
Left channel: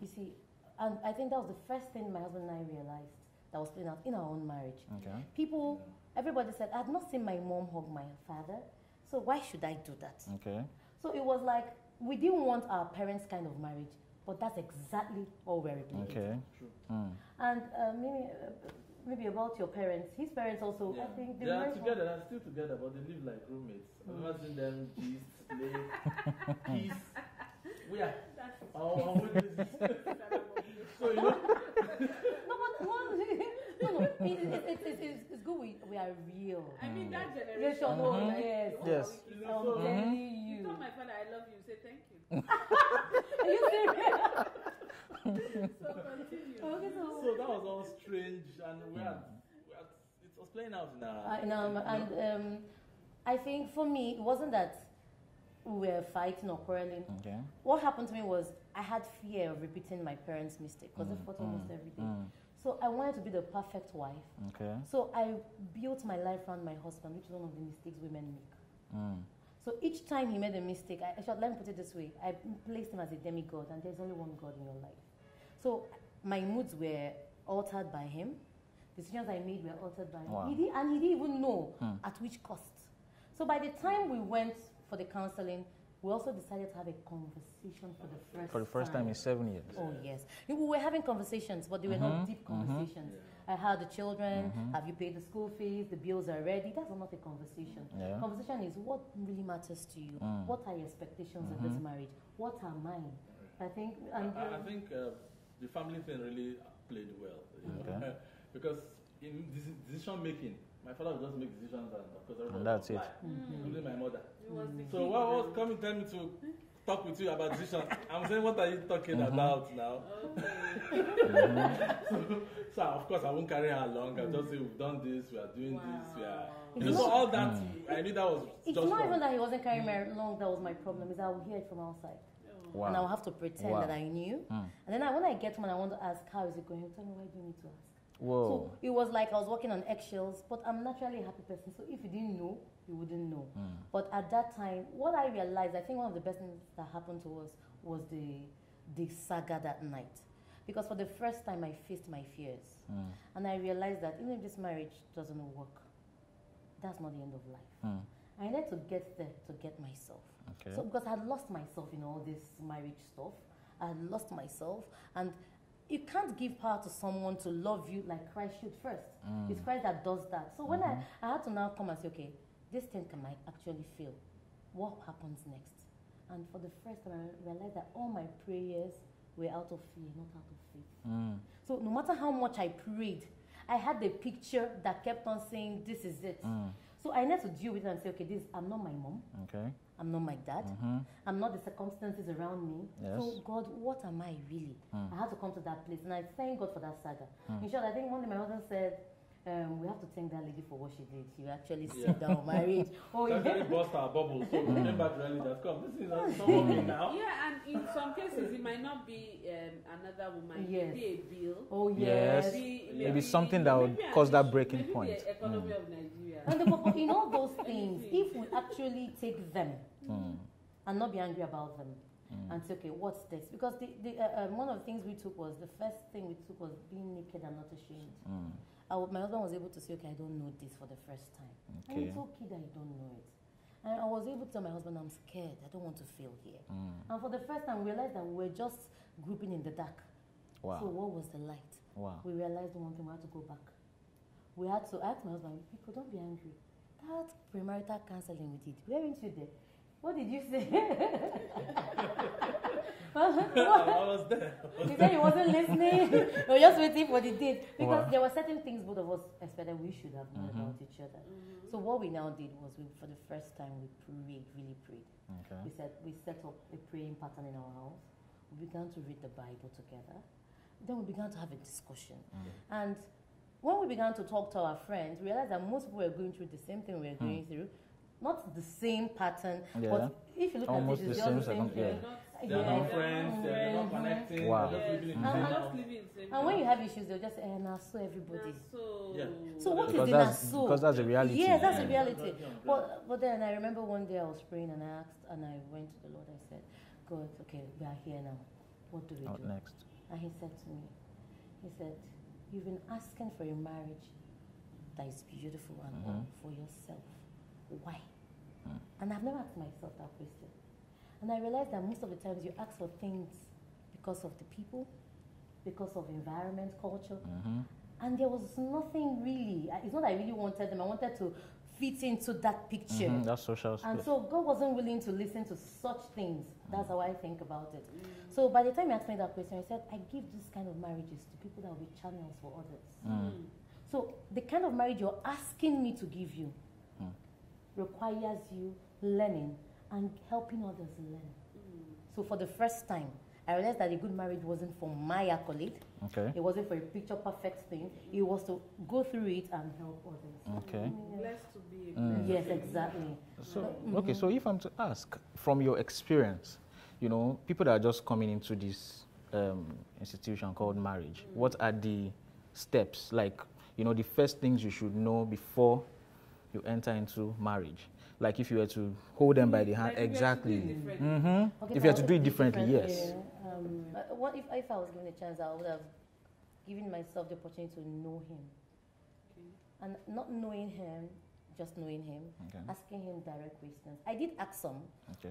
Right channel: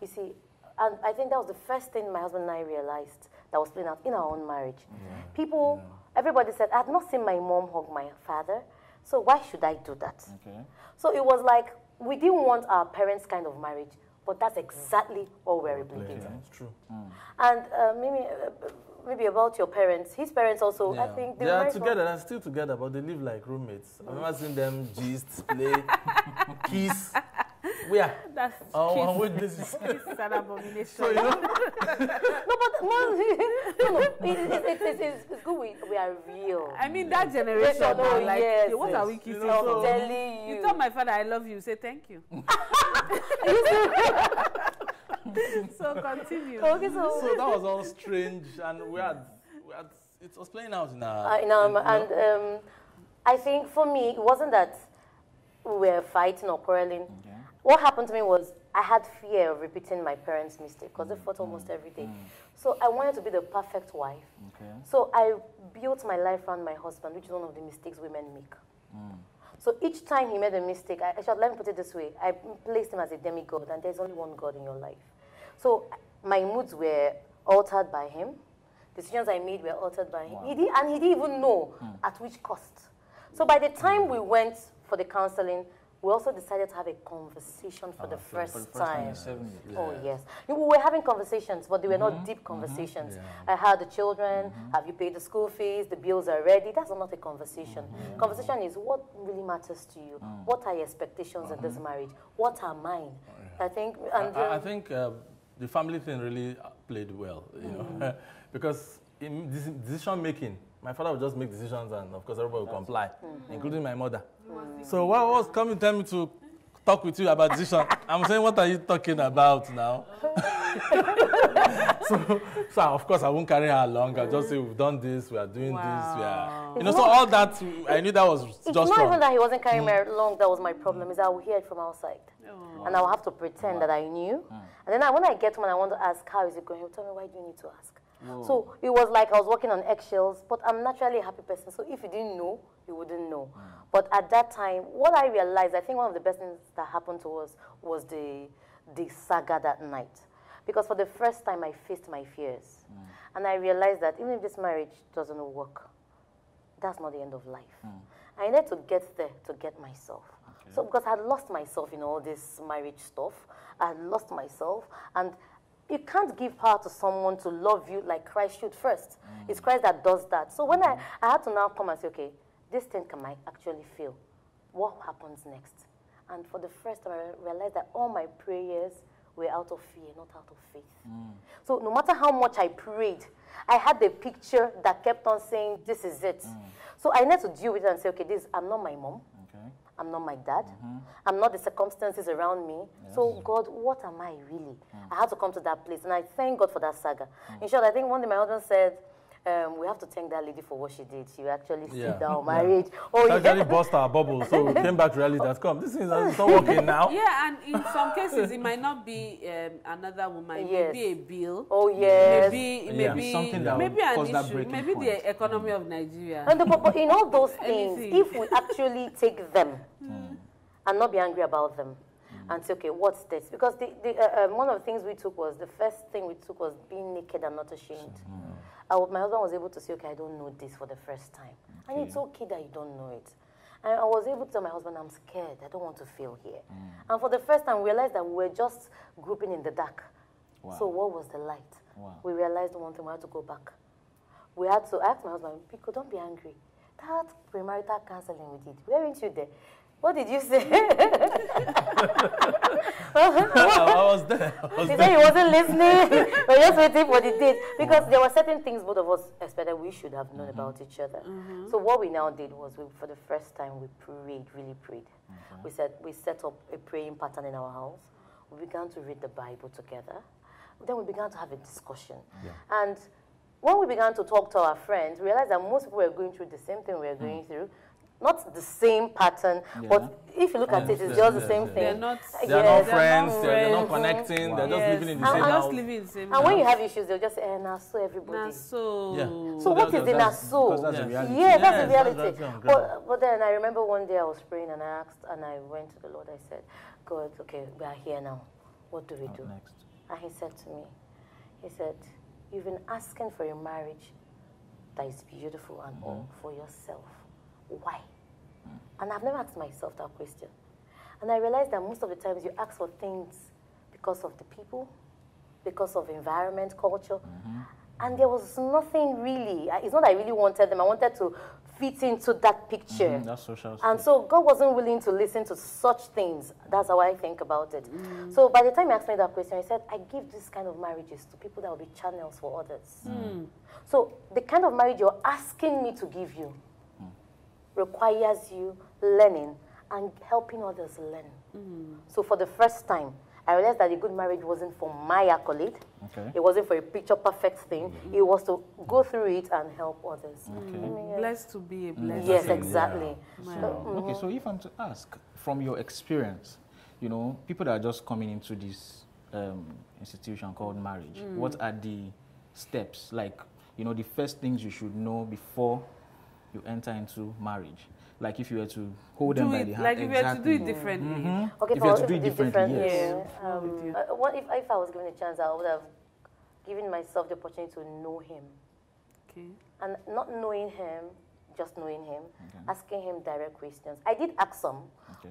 You see, and I think that was the first thing my husband and I realized that was playing out in our own marriage. People, everybody said, I've not seen my mom hug my father, so why should I do that? So it was like, we didn't want our parents' kind of marriage, but that's exactly what we're replicating. It's true. And maybe about your parents. His parents also, I think they are together. They're still together, but they live like roommates. I've never seen them gist, play, kiss. Where? That's this is an abomination. So, you know. It's good we are real. I mean, that generation, what are we kissing? I'm telling you. You told my father I love you, say thank you. So continue. So that was all strange, and we had it was playing out in our and I think for me, it wasn't that we were fighting or quarreling, what happened to me was I had fear of repeating my parents' mistake because they fought almost every day. So I wanted to be the perfect wife. So I built my life around my husband, which is one of the mistakes women make. So each time he made a mistake, let me put it this way, I placed him as a demigod, and there's only one God in your life. So my moods were altered by him. Decisions I made were altered by him. And he didn't even know at which cost. So by the time we went for the counseling, we also decided to have a conversation for the first time. For the first time in 7 years. Oh, yes. We were having conversations, but they were not deep conversations. I had the children, have you paid the school fees, the bills are ready. That's not a conversation. Conversation is what really matters to you. What are your expectations in this marriage? What are mine? I think, I think the family thing really played well, you know, because in decision making, my father would just make decisions, and of course everybody would comply, including my mother. So what was coming tell me to talk with you about decision? I'm saying, what are you talking about now? so of course I won't carry her along. I just say, we've done this, we are doing this, we are, you know. So all that, I knew that was it's just not wrong. even that he wasn't carrying me along. That was my problem. Is I will hear it from outside. And I will have to pretend that I knew. And then when I get home and I want to ask, how is it going? He'll tell me, why do you need to ask? So it was like I was walking on eggshells, but I'm naturally a happy person. So if you didn't know, you wouldn't know. But at that time, what I realized, I think one of the best things that happened to us was the saga that night. Because for the first time, I faced my fears. And I realized that even if this marriage doesn't work, that's not the end of life. I needed to get there to get myself. So because I had lost myself in all this marriage stuff, I had lost myself, and you can't give power to someone to love you like Christ should first. It's Christ that does that. So when I had to now come and say, okay, this thing can I actually feel? What happens next? And for the first time, I realized that all my prayers were out of fear, not out of faith. So no matter how much I prayed, I had the picture that kept on saying, this is it. So I need to deal with it and say, okay, I'm not my mom. I'm not my dad. I'm not the circumstances around me. So God, what am I really? I had to come to that place. And I thank God for that saga. In short, I think one day my husband said, we have to thank that lady for what she did. She actually saved our marriage. She actually burst our bubble. So we came back to reality that this is not working now. Yeah, and in some cases, it might not be another woman. It may be a bill. Oh, yes. Maybe something that would cause that breaking point. Maybe the economy of Nigeria. But in all those things, if we actually take them and not be angry about them, and say, okay, what's this? Because one of the things we took was, the first thing we took was being naked and not ashamed. My husband was able to say, okay, I don't know this for the first time. And it's okay that you don't know it. And I was able to tell my husband, I'm scared. I don't want to fail here. And for the first time, we realized that we were just grouping in the dark. So what was the light? We realized one thing, we had to go back. We had to ask my husband, Pico, don't be angry. That premarital counseling we did, weren't you there? What did you say? I was there. He said he wasn't listening. We were just waiting for the date. Because there were certain things both of us expected we should have known about each other. So what we now did was, for the first time, we prayed, really prayed. We set up a praying pattern in our house. We began to read the Bible together. Then we began to have a discussion. And when we began to talk to our friends, we realized that most people were going through the same thing we were going through. Not the same pattern, but if you look at it, it's just the same thing. They're not friends, they're not connecting, they're just living in the same house. And when you have issues, they'll just say, nah, so everybody. So what is the nah, so? Because that's the reality. Yeah, that's the reality. But then I remember one day I was praying and I asked, and I went to the Lord, I said, God, okay, we are here now. What do we do? Next. And he said to me, he said, you've been asking for a marriage that is beautiful and all for yourself. Why? And I've never asked myself that question. And I realized that most of the times you ask for things because of the people, because of environment, culture. And there was nothing really. It's not that I really wanted them. I wanted to fit into that picture. That's social and space. so God wasn't willing to listen to such things. That's how I think about it. So by the time he asked me that question, I said, I give this kind of marriages to people that will be channels for others. So the kind of marriage you're asking me to give you requires you learning and helping others learn. So for the first time, I realized that a good marriage wasn't for my accolade. It wasn't for a picture perfect thing. It was to go through it and help others. blessed to be a blessing. Yes, exactly. Okay, so if I'm to ask, from your experience, you know, people that are just coming into this institution called marriage, what are the steps, like, you know, the first things you should know before you enter into marriage? Like if you were to hold them by the hand, like exactly. If you had to do it differently. Okay, if you had to do it differently, yes. What if I was given a chance, I would have given myself the opportunity to know him. Okay. And not knowing him, just knowing him, asking him direct questions. I did ask some,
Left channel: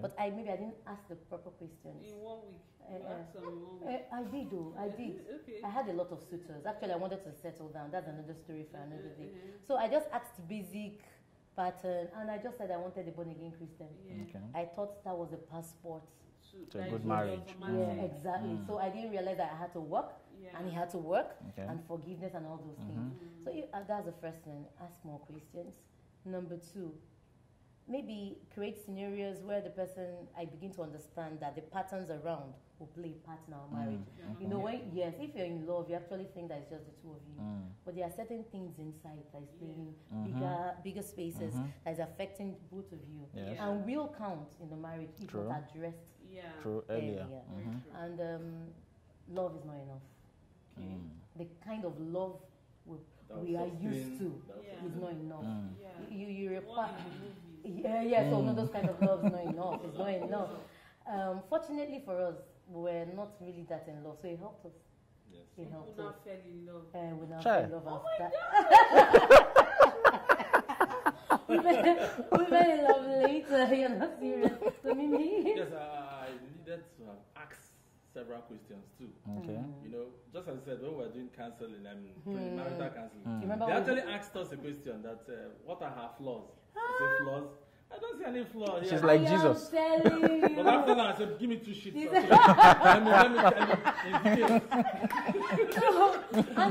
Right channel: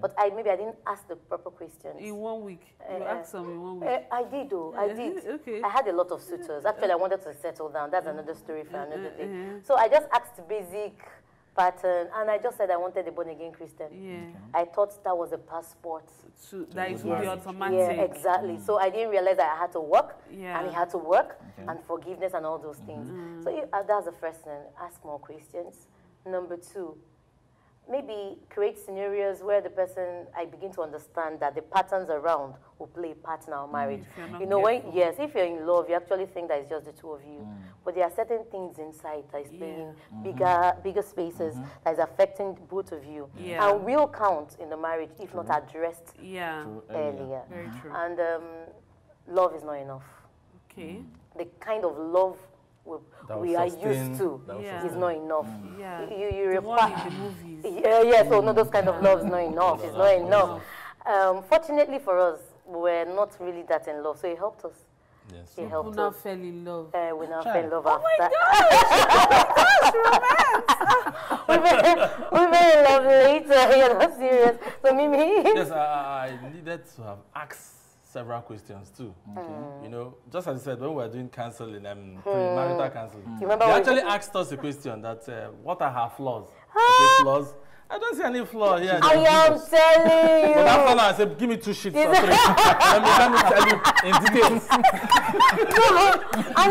but maybe I didn't ask the proper questions. In 1 week? You asked some in 1 week? I did, though. I did. Okay. I had a lot of suitors. Actually, I wanted to settle down. That's another story for another day. So I just asked basic pattern, and I just said I wanted a born-again Christian. I thought that was a passport. That is really automatic. Yeah, exactly. So I didn't realize that I had to work, and he had to work, and forgiveness and all those things. So that's the first thing. Ask more questions. Number 2, maybe create scenarios where the person, I begin to understand that the patterns around will play a part in our marriage. You know, if you're in love, you actually think that it's just the two of you. But there are certain things inside that is playing bigger spaces that is affecting both of you. And will count in the marriage if not addressed earlier. Very true. And love is not enough. Okay. The kind of love we are used to is not enough. You require the movies. So no, those kind of love is not enough. It's not enough. Fortunately for us, we're not really that in love, so it helped us. Yes. It helped We now us. fell in love. We now fell in love after. Oh my God! we fell in love later. You're not serious. So Mimi. Yes, I needed to have asked several questions too. You know, just as I said, when we were doing counseling, premarital counseling, they actually asked us a question that, what are her flaws? I said, flaws? I don't see any flaw here. I am telling you. But after that, I said, give me 2 sheets or 3. let me tell you in details. And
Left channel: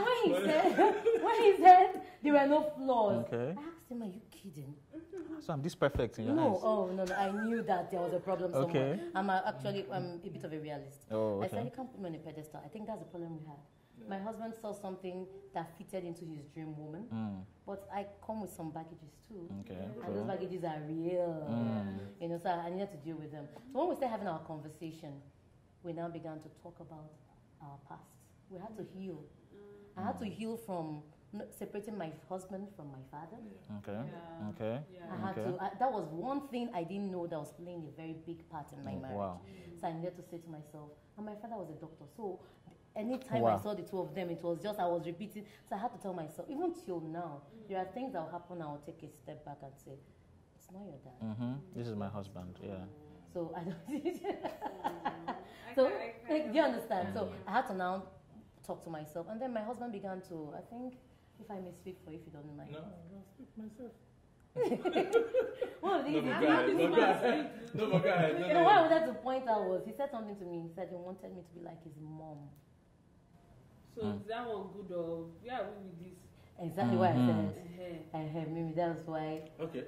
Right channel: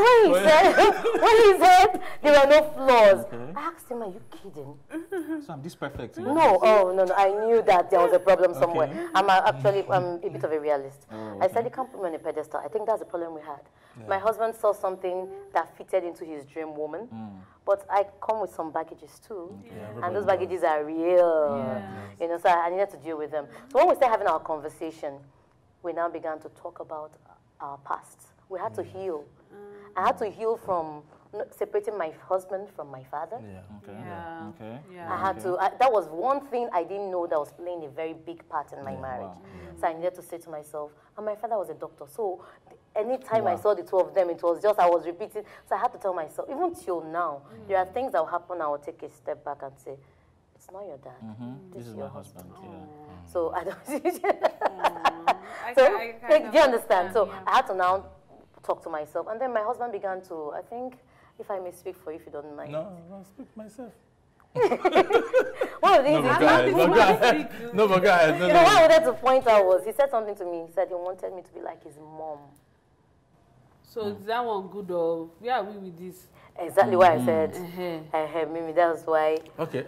when he said there were no flaws, I asked him, are you kidding? So I'm this perfect. No, I knew that there was a problem somewhere. I'm actually a bit of a realist. I said, you can't put me on a pedestal. I think that's the problem we had. My husband saw something that fitted into his dream woman, but I come with some baggages too, and those baggages are real. You know, so I needed to deal with them. So when we started having our conversation, we now began to talk about our past. We had to heal. I had to heal from separating my husband from my father. I had to. That was one thing I didn't know that was playing a very big part in my marriage. So I needed to say to myself, and my father was a doctor, so anytime I saw the two of them, it was just, I was repeating. So I had to tell myself, even till now, there are things that will happen, I will take a step back and say, it's not your dad. This is my husband. So I don't do you understand? So I had to now talk to myself. And then my husband began to, I think, if I may speak for you, if you don't mind. No, I'll speak myself. One of these but go ahead. No, but go ahead. What I wanted to point out was, he said something to me. He said he wanted me to be like his mom. So is that one good or where are we with this? Exactly what I said. Mimi, that was why. Okay.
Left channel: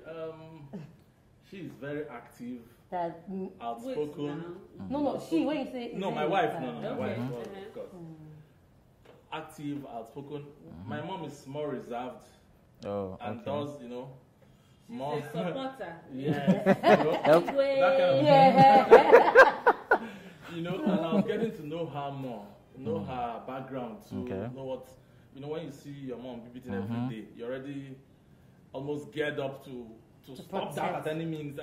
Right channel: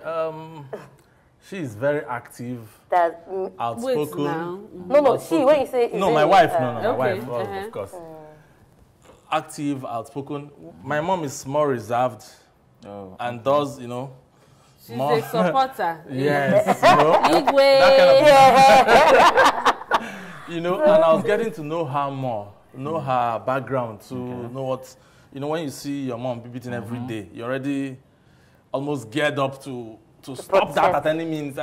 She is very active. That outspoken. No. She. When you say no, my wife. My wife. Of course. Active, outspoken. My mom is more reserved. And does, you know. She's a supporter. Yes. You know, and I was getting to know her more, know her background, to know what, you know, when you see your mom beating every day, you're already almost geared up to stop that at any means,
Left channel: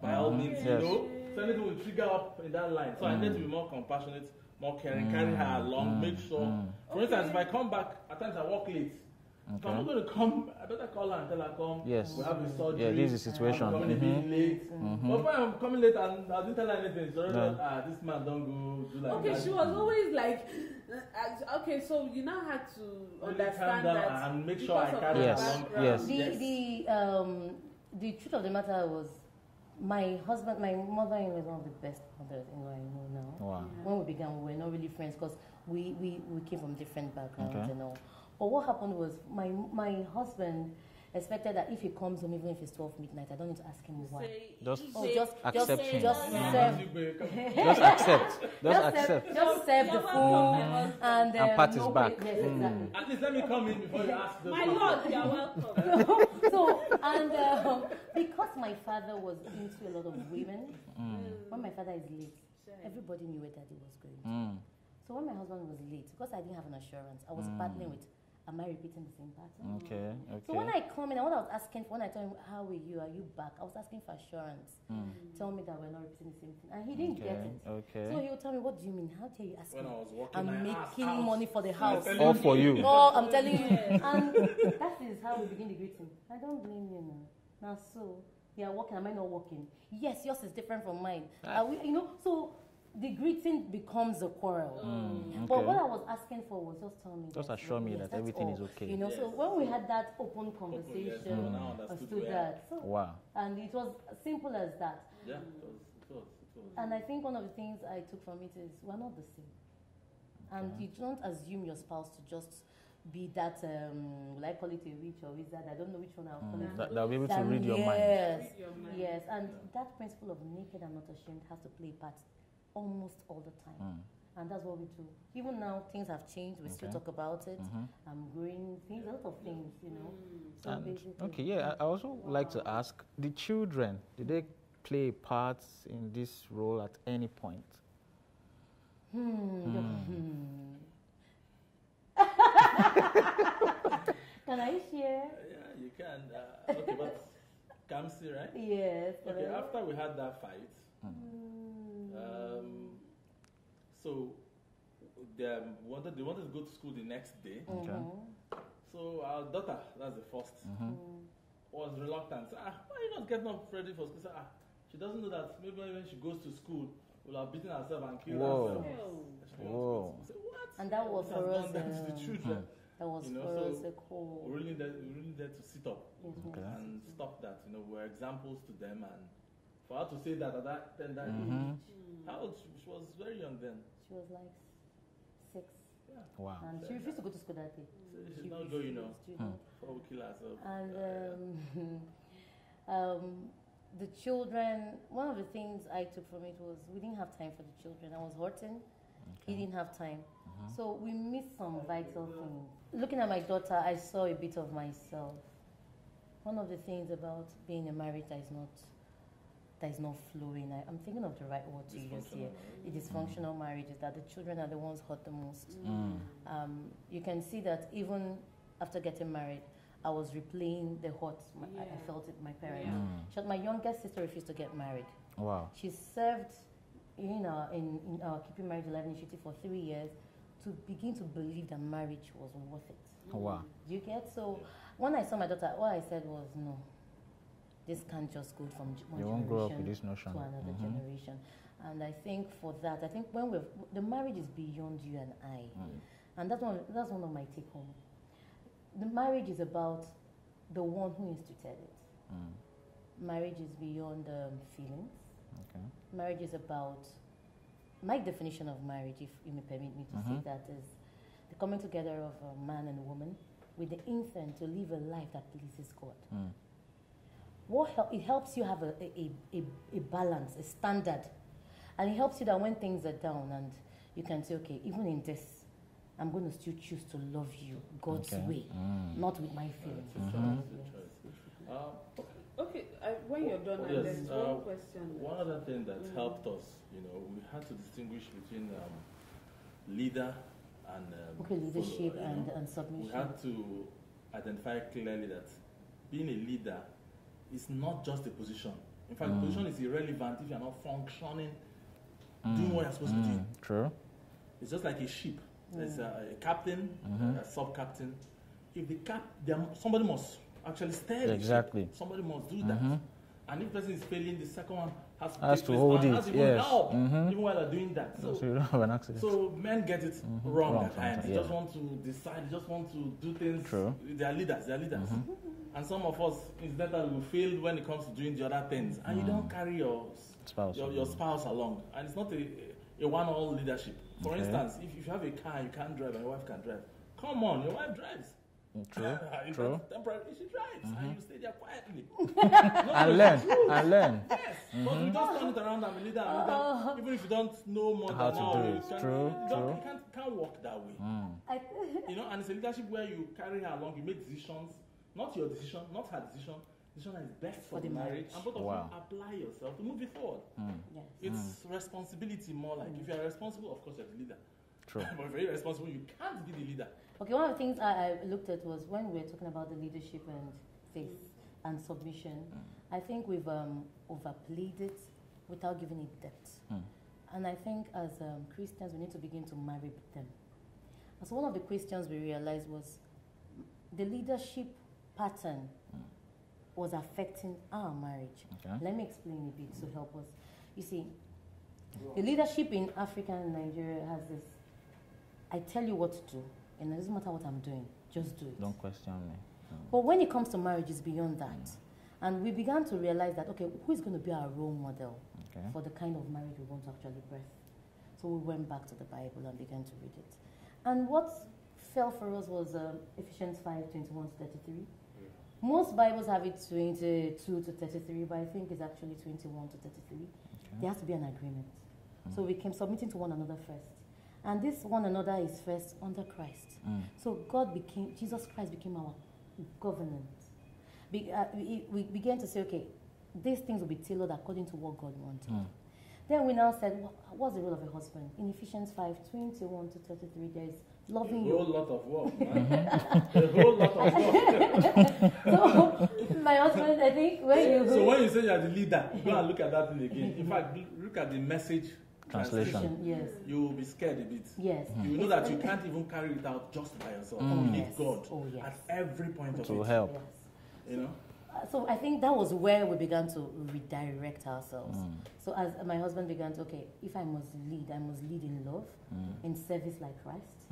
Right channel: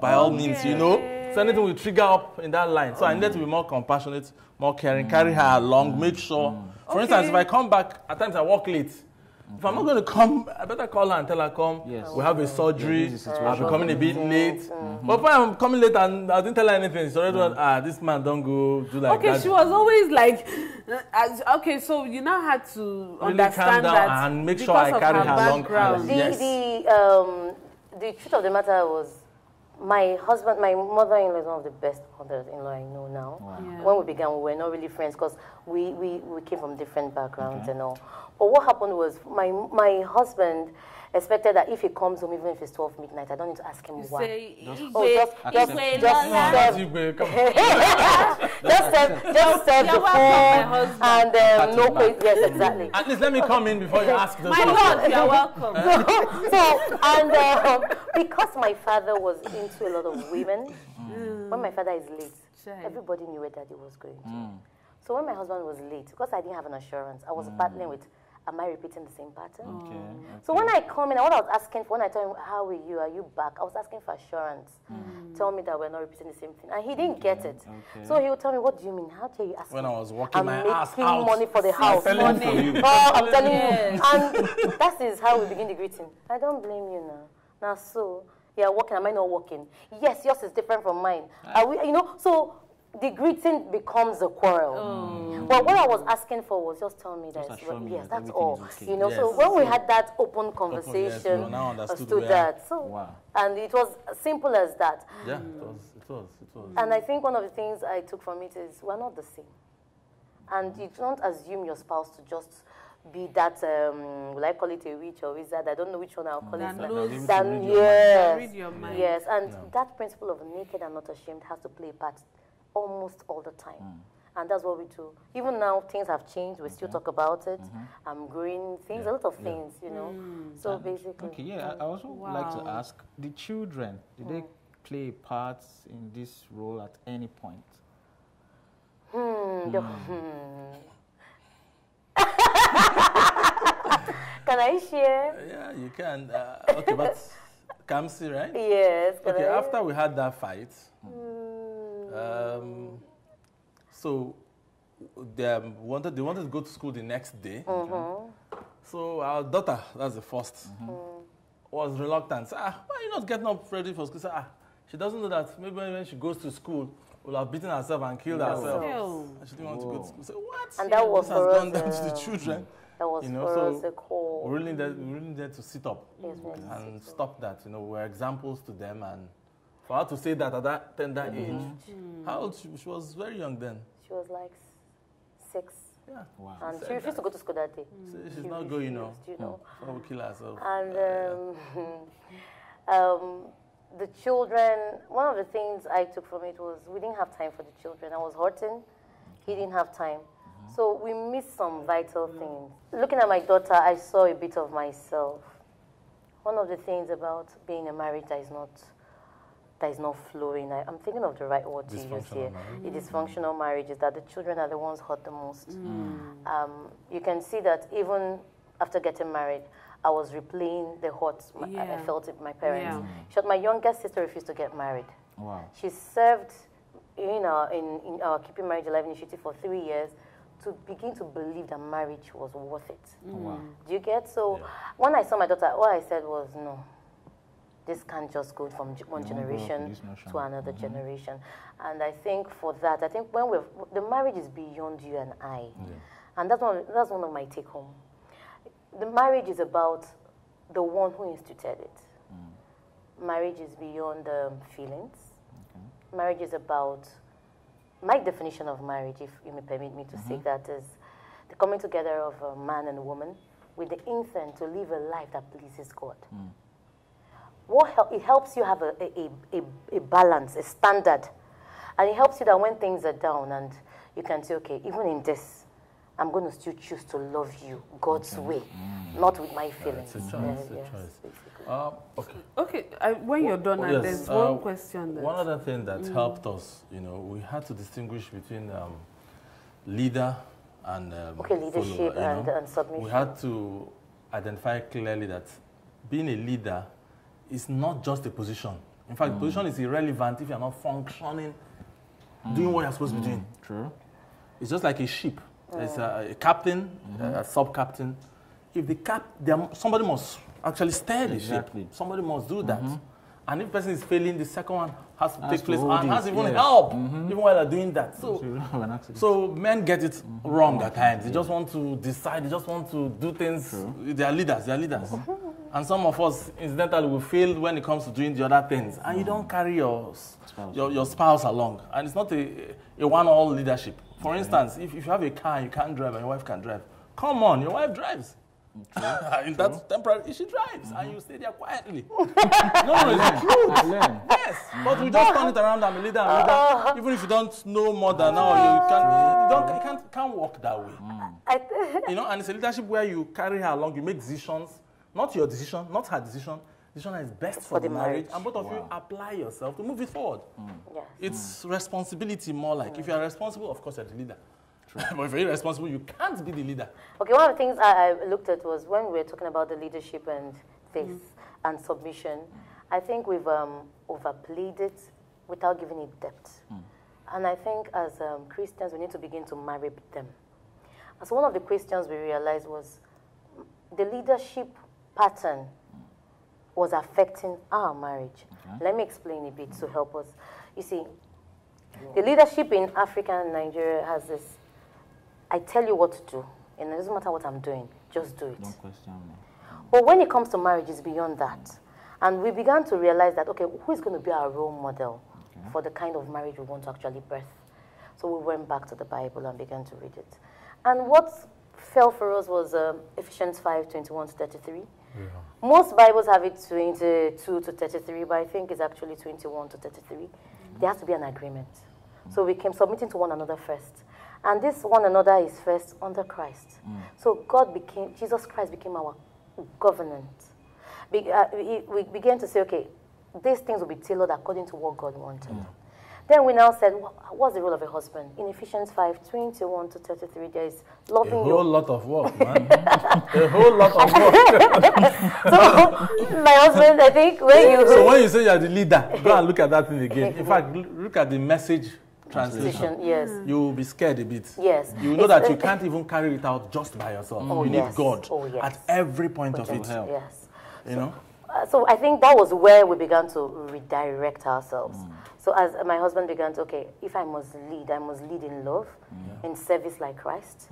by all means, you know. So anything will trigger up in that line. So I need to be more compassionate, more caring, carry her along, make sure. For instance, if I come back, at times I walk late. If I'm not going to come, I better call her and tell her, come, we have a surgery, I'm coming a bit late. But if I'm coming late and I didn't tell her anything, she's already this man don't go do like that. Okay, she was always like, okay, so you now had to really understand that and make sure I carry her along. The truth of the matter was, my mother-in-law is one of the best mothers-in-law I know now. When we began, we were not really friends because we came from different backgrounds and all. But what happened was, my husband expected that if he comes home, even if it's 12 midnight, I don't need to ask him why. Just just serve the form and no question. Yes, exactly. At least let me come in before you ask the My lord, you're welcome. So because my father was into a lot of women, when my father is late, everybody knew where daddy was going to. So when my husband was late, because I didn't have an assurance, I was battling with, am I repeating the same pattern? Okay. So when I come in, what I was asking for, when I told him, how are you back? I was asking for assurance. Tell me that we're not repeating the same thing. And he didn't get it. So he would tell me, what do you mean? How dare you ask me? When I was working I'm my ass making out. money for the house. Money for you. Oh, I'm telling you. And that is how we begin the greeting. I don't blame you now. Now, so, you're working, am I not working? Yes, yours is different from mine. Are we, so the greeting becomes a quarrel. But what I was asking for was just tell me that. Assure me that that's everything all. is okay. So when we had that open conversation, understood that. So, wow. And it was as simple as that. Yeah, it was. And I think one of the things I took from it is we're not the same. And you don't assume your spouse to just be that, will I call it a witch or wizard? I don't know which one I'll call it. Yes, and that principle of naked and not ashamed has to play a part almost all the time. And that's what we do. Even now, things have changed. We still talk about it. I'm growing things, a lot of things, So and basically. Okay, I also like to ask, the children, did they play a part in this role at any point? Can I share? Yeah, you can. Okay, but Kamsi, right? Yes. Okay, after we had that fight, so they wanted to go to school the next day. So our daughter, that's the first, was reluctant. Why are you not getting up ready for school? She doesn't know that maybe when she goes to school, will have beaten herself and killed herself. She didn't want to go to school. So what? And that was for us. Done that to the children. That was for us a call. We're really there to sit up and stop that. We're examples to them, and for her to say that at that tender age, how old she was very young then. She was like 6. Yeah. Wow. And she refused to go to school that day. She's not going, Someone will kill herself. And the children, one of the things I took from it was we didn't have time for the children. I was hurting. He didn't have time. So we missed some vital things. Looking at my daughter, I saw a bit of myself. One of the things about being a marriage that is not flowing, I'm thinking of the right word to use here. A dysfunctional marriage is that the children are the ones hurt the most. You can see that even after getting married, I was replaying the hurt I felt with my parents. My youngest sister refused to get married. Wow. She served in our Keeping Marriage Alive initiative for 3 years to begin to believe that marriage was worth it. Wow. Do you get? So when I saw my daughter, all I said was, no, this can't just go from one generation to another generation. And I think for that, when the marriage is beyond you and I. And that's one of my take home. The marriage is about the one who instituted it. Marriage is beyond feelings. Marriage is about, my definition of marriage, if you may permit me to say that, is the coming together of a man and a woman with the intent to live a life that pleases God. It helps you have a balance, a standard. And it helps you that when things are down and you can say, okay, even in this, I'm going to still choose to love you God's way, not with my feelings. It's a choice. Okay, when you're done, and there's one question. One other thing that helped us, we had to distinguish between leader and leadership follower, and submission. We had to identify clearly that being a leader is not just a position. In fact, the position is irrelevant if you're not functioning, doing what you're supposed to be doing. True. It's just like a ship. There's a captain, a sub-captain. If somebody must actually steer the ship. Somebody must do that. And if the person is failing, the second one has to take place and has even help, even while they're doing that. So men get it wrong at times. They just want to decide, they just want to do things. They are leaders. And some of us, incidentally, will fail when it comes to doing the other things. And you don't carry your spouse along. And it's not a one-all leadership. For instance, if you have a car and you can't drive and your wife can drive, come on, your wife drives. In that temporary, she drives, and you stay there quietly. I learn. Yes, but we just turn it around. I'm a leader. Even if you don't know more than now, you can't walk that way. And it's a leadership where you carry her along. You make decisions, not your decision, not her decision. Decision is best for the marriage, and both of you apply yourself to move it forward. Yes. It's responsibility more like. If you are responsible, of course you're the leader. True. But if you're irresponsible, you can't be the leader. Okay, one of the things I looked at was when we were talking about the leadership and faith and submission, I think we've overplayed it without giving it depth. And I think as Christians, we need to begin to marry them. And so one of the questions we realized was the leadership pattern was affecting our marriage. Okay. Let me explain a bit to help us. You see, the leadership in Africa and Nigeria has this, I tell you what to do, and it doesn't matter what I'm doing, just do it. Don't question me. But when it comes to marriage, it's beyond that. And we began to realize that, okay, who is going to be our role model for the kind of marriage we want to actually birth? So we went back to the Bible and began to read it. And what fell for us was Ephesians 5:21-33. Most Bibles have it 22 to 33, but I think it's actually 21 to 33. There has to be an agreement. So we came submitting to one another first. And this one another is first under Christ. So Jesus Christ became our government. We began to say, okay, these things will be tailored according to what God wanted. Then we now said, what's the role of a husband? In Ephesians 5:21-33, there is loving a whole lot of work, man. A whole lot of work. So, my husband, I think, So when you say you're the leader, go and look at that thing again. In fact, look at the message translation. Yes. You will be scared a bit. Yes. You know that you can't even carry it out just by yourself. You need God at every point of it. Help. Yes. You know? So I think that was where we began to redirect ourselves. So as my husband began to, okay, if I must lead in love, in service like Christ,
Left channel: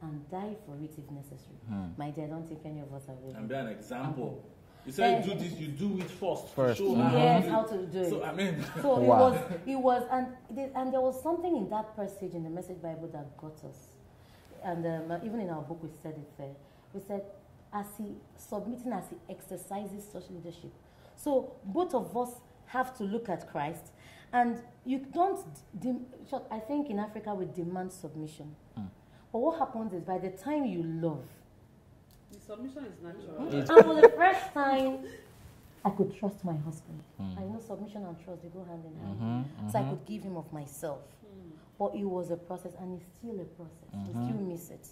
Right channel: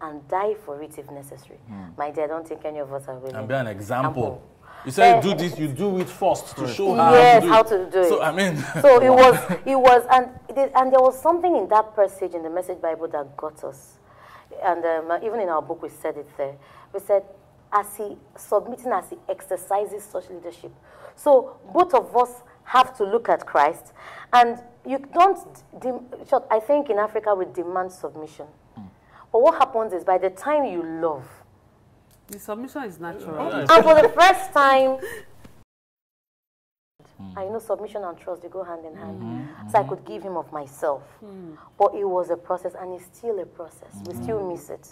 and die for it if necessary. My dear, I don't think any of us are willing. And be an example. You say do this, you do it first to show how to do it. So I mean, so it was, and there was something in that passage in the Message Bible that got us. And even in our book, we said it there. We said, as he exercises such leadership. So both of us have to look at Christ, and you don't. I think in Africa we demand submission, but what happens is by the time you love, the submission is natural. And for the first time, I could trust my husband. I know submission and trust, they go hand in hand. So I could give him of myself. But it was a process, and it's still a process. We still miss it.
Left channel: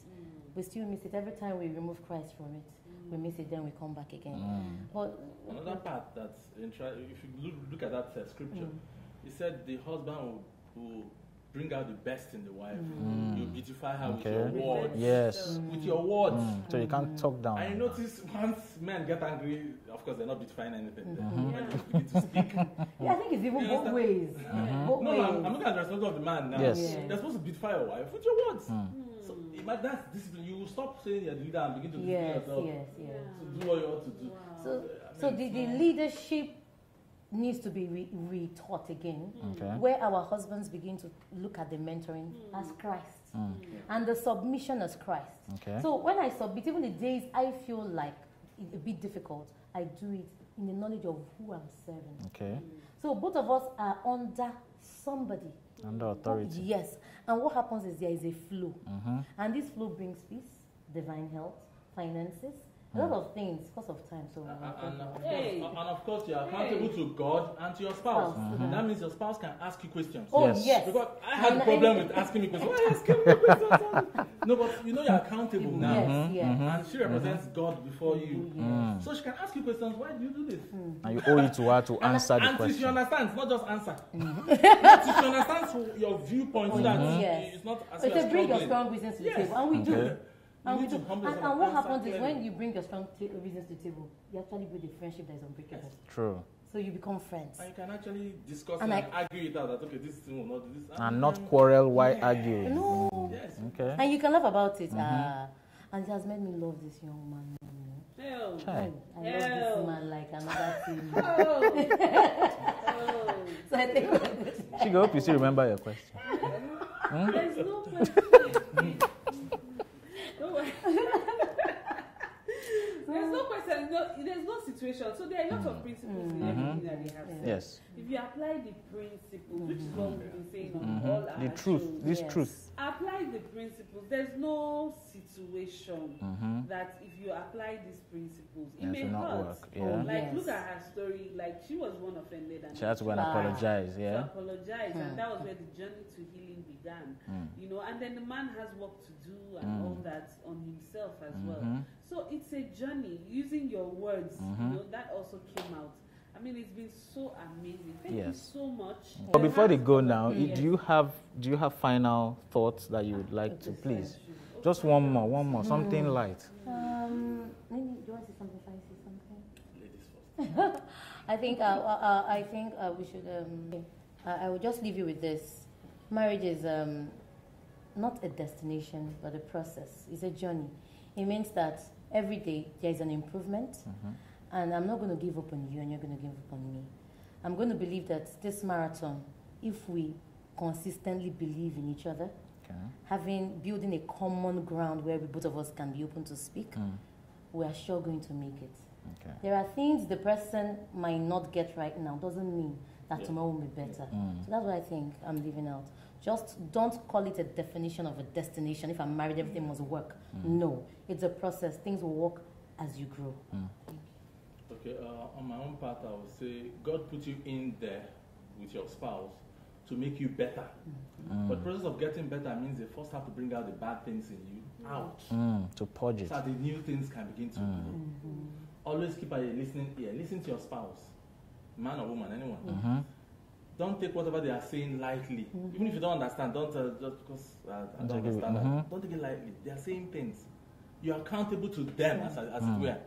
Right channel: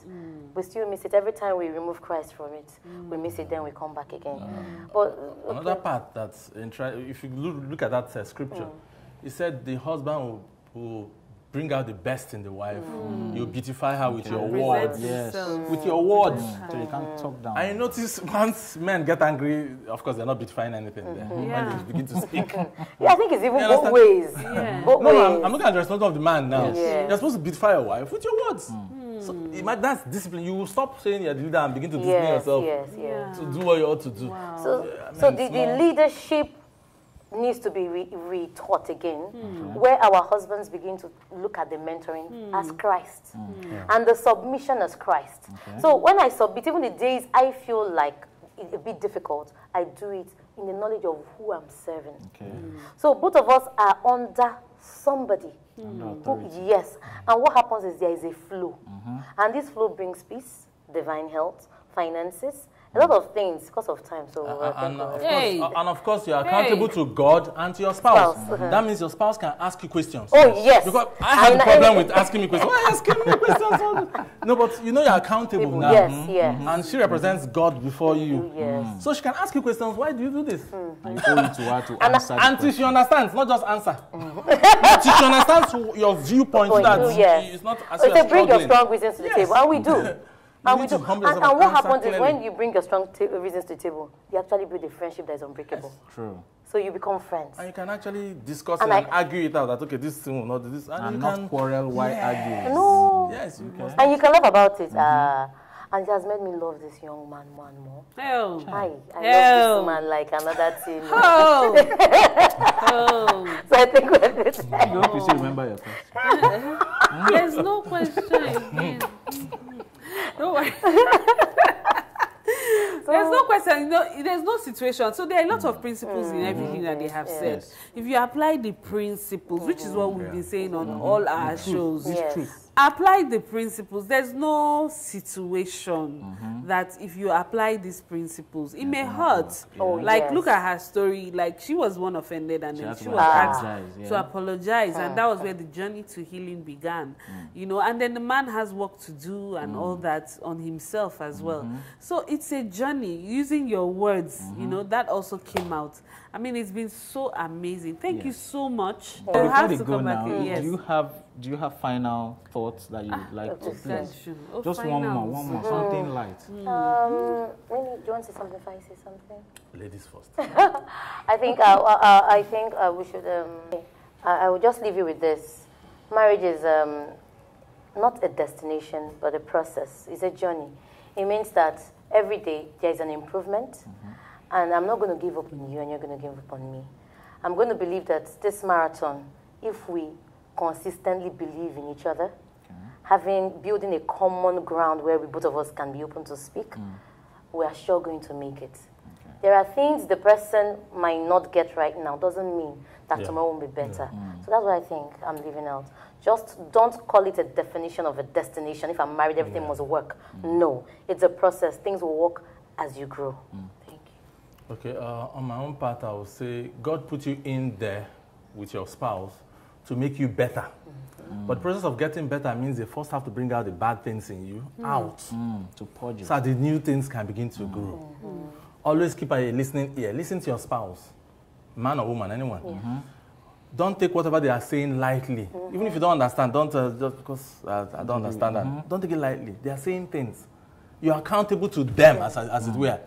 We still miss it. Every time we remove Christ from it, we miss it, then we come back again. But another part that's if you look at that scripture, it said the husband will bring out the best in the wife. You beautify her with your words. Yes. With your words. So you can't talk down. I notice once men get angry, of course they're not beautifying anything. When they begin to speak. I think it's even both ways. Both ways. I'm looking at the response of the man now. Yes. You're supposed to beautify your wife with your words. So that's discipline. You will stop saying you're the leader and begin to discipline yourself to do what you ought to do. Wow. So the leadership needs to be retaught again, where our husbands begin to look at the mentoring as Christ and the submission as Christ. So when I submit, even the days I feel like it's a bit difficult, I do it in the knowledge of who I'm serving. So both of us are under somebody. Under authority. Yes. And what happens is there is a flow. And this flow brings peace, divine health, finances, a lot of things because of time. So and of course, you are accountable to God and to your spouse. That means your spouse can ask you questions. Oh, yes. Because I have a problem with asking me questions. Why are you asking me questions? No, but you know you're accountable now. Yes. And she represents God before you. So she can ask you questions. Why do you do this? And you owe it to her to answer the question. Until she understands, not just answer. Until she understands your viewpoint. It's not as so bring your strong reasons to the table. And we do. And what happens is when you bring your strong reasons to the table, you actually build a friendship that is unbreakable. True. So you become friends. And you can actually discuss and argue it out that, okay, this thing will not do this. And not quarrel while arguing. No. Yes. Okay. And you can laugh about it. And it has made me love this young man more and more. I love this man like another thing. So I think we're good. I hope you still remember your question. There's no question. Don't worry. know, there's no situation. So there are a lot of principles in everything that they have said. Yes. If you apply the principles, which is what we've been saying on all our shows, This truth. apply the principles. There's no situation that if you apply these principles, it may hurt. Like, look at her story. Like, she was one offended, and she was asked to apologize, and that was where the journey to healing began. You know, and then the man has work to do and all that on himself as well. So it's a journey. Using your words, you know, that also came out. I mean, it's been so amazing. Thank you so much. But before they go now, do you have final thoughts that you would like to please? Just one more, something light. Maybe, do you want to say something if I say something? Ladies first. I think we should. I will just leave you with this. Marriage is not a destination, but a process. It's a journey. It means that every day there is an improvement, and I'm not going to give up on you, and you're going to give up on me. I'm going to believe that this marathon, if we consistently believe in each other, building a common ground where both of us can be open to speak, we are sure going to make it. There are things the person might not get right now, doesn't mean that tomorrow will be better. So that's what I think I'm leaving out. Just don't call it a definition of a destination. If I'm married, everything must work. No, it's a process. Things will work as you grow. Thank you. Okay, on my own part, I would say God put you in there with your spouse to make you better. But the process of getting better means they first have to bring out the bad things in you out. To purge it. So that the new things can begin to grow. Always keep a listening ear. Listen to your spouse, man or woman, anyone. Don't take whatever they are saying lightly. Even if you don't understand, don't just because I don't understand that. Don't take it lightly. They are saying things. You are accountable to them as it were.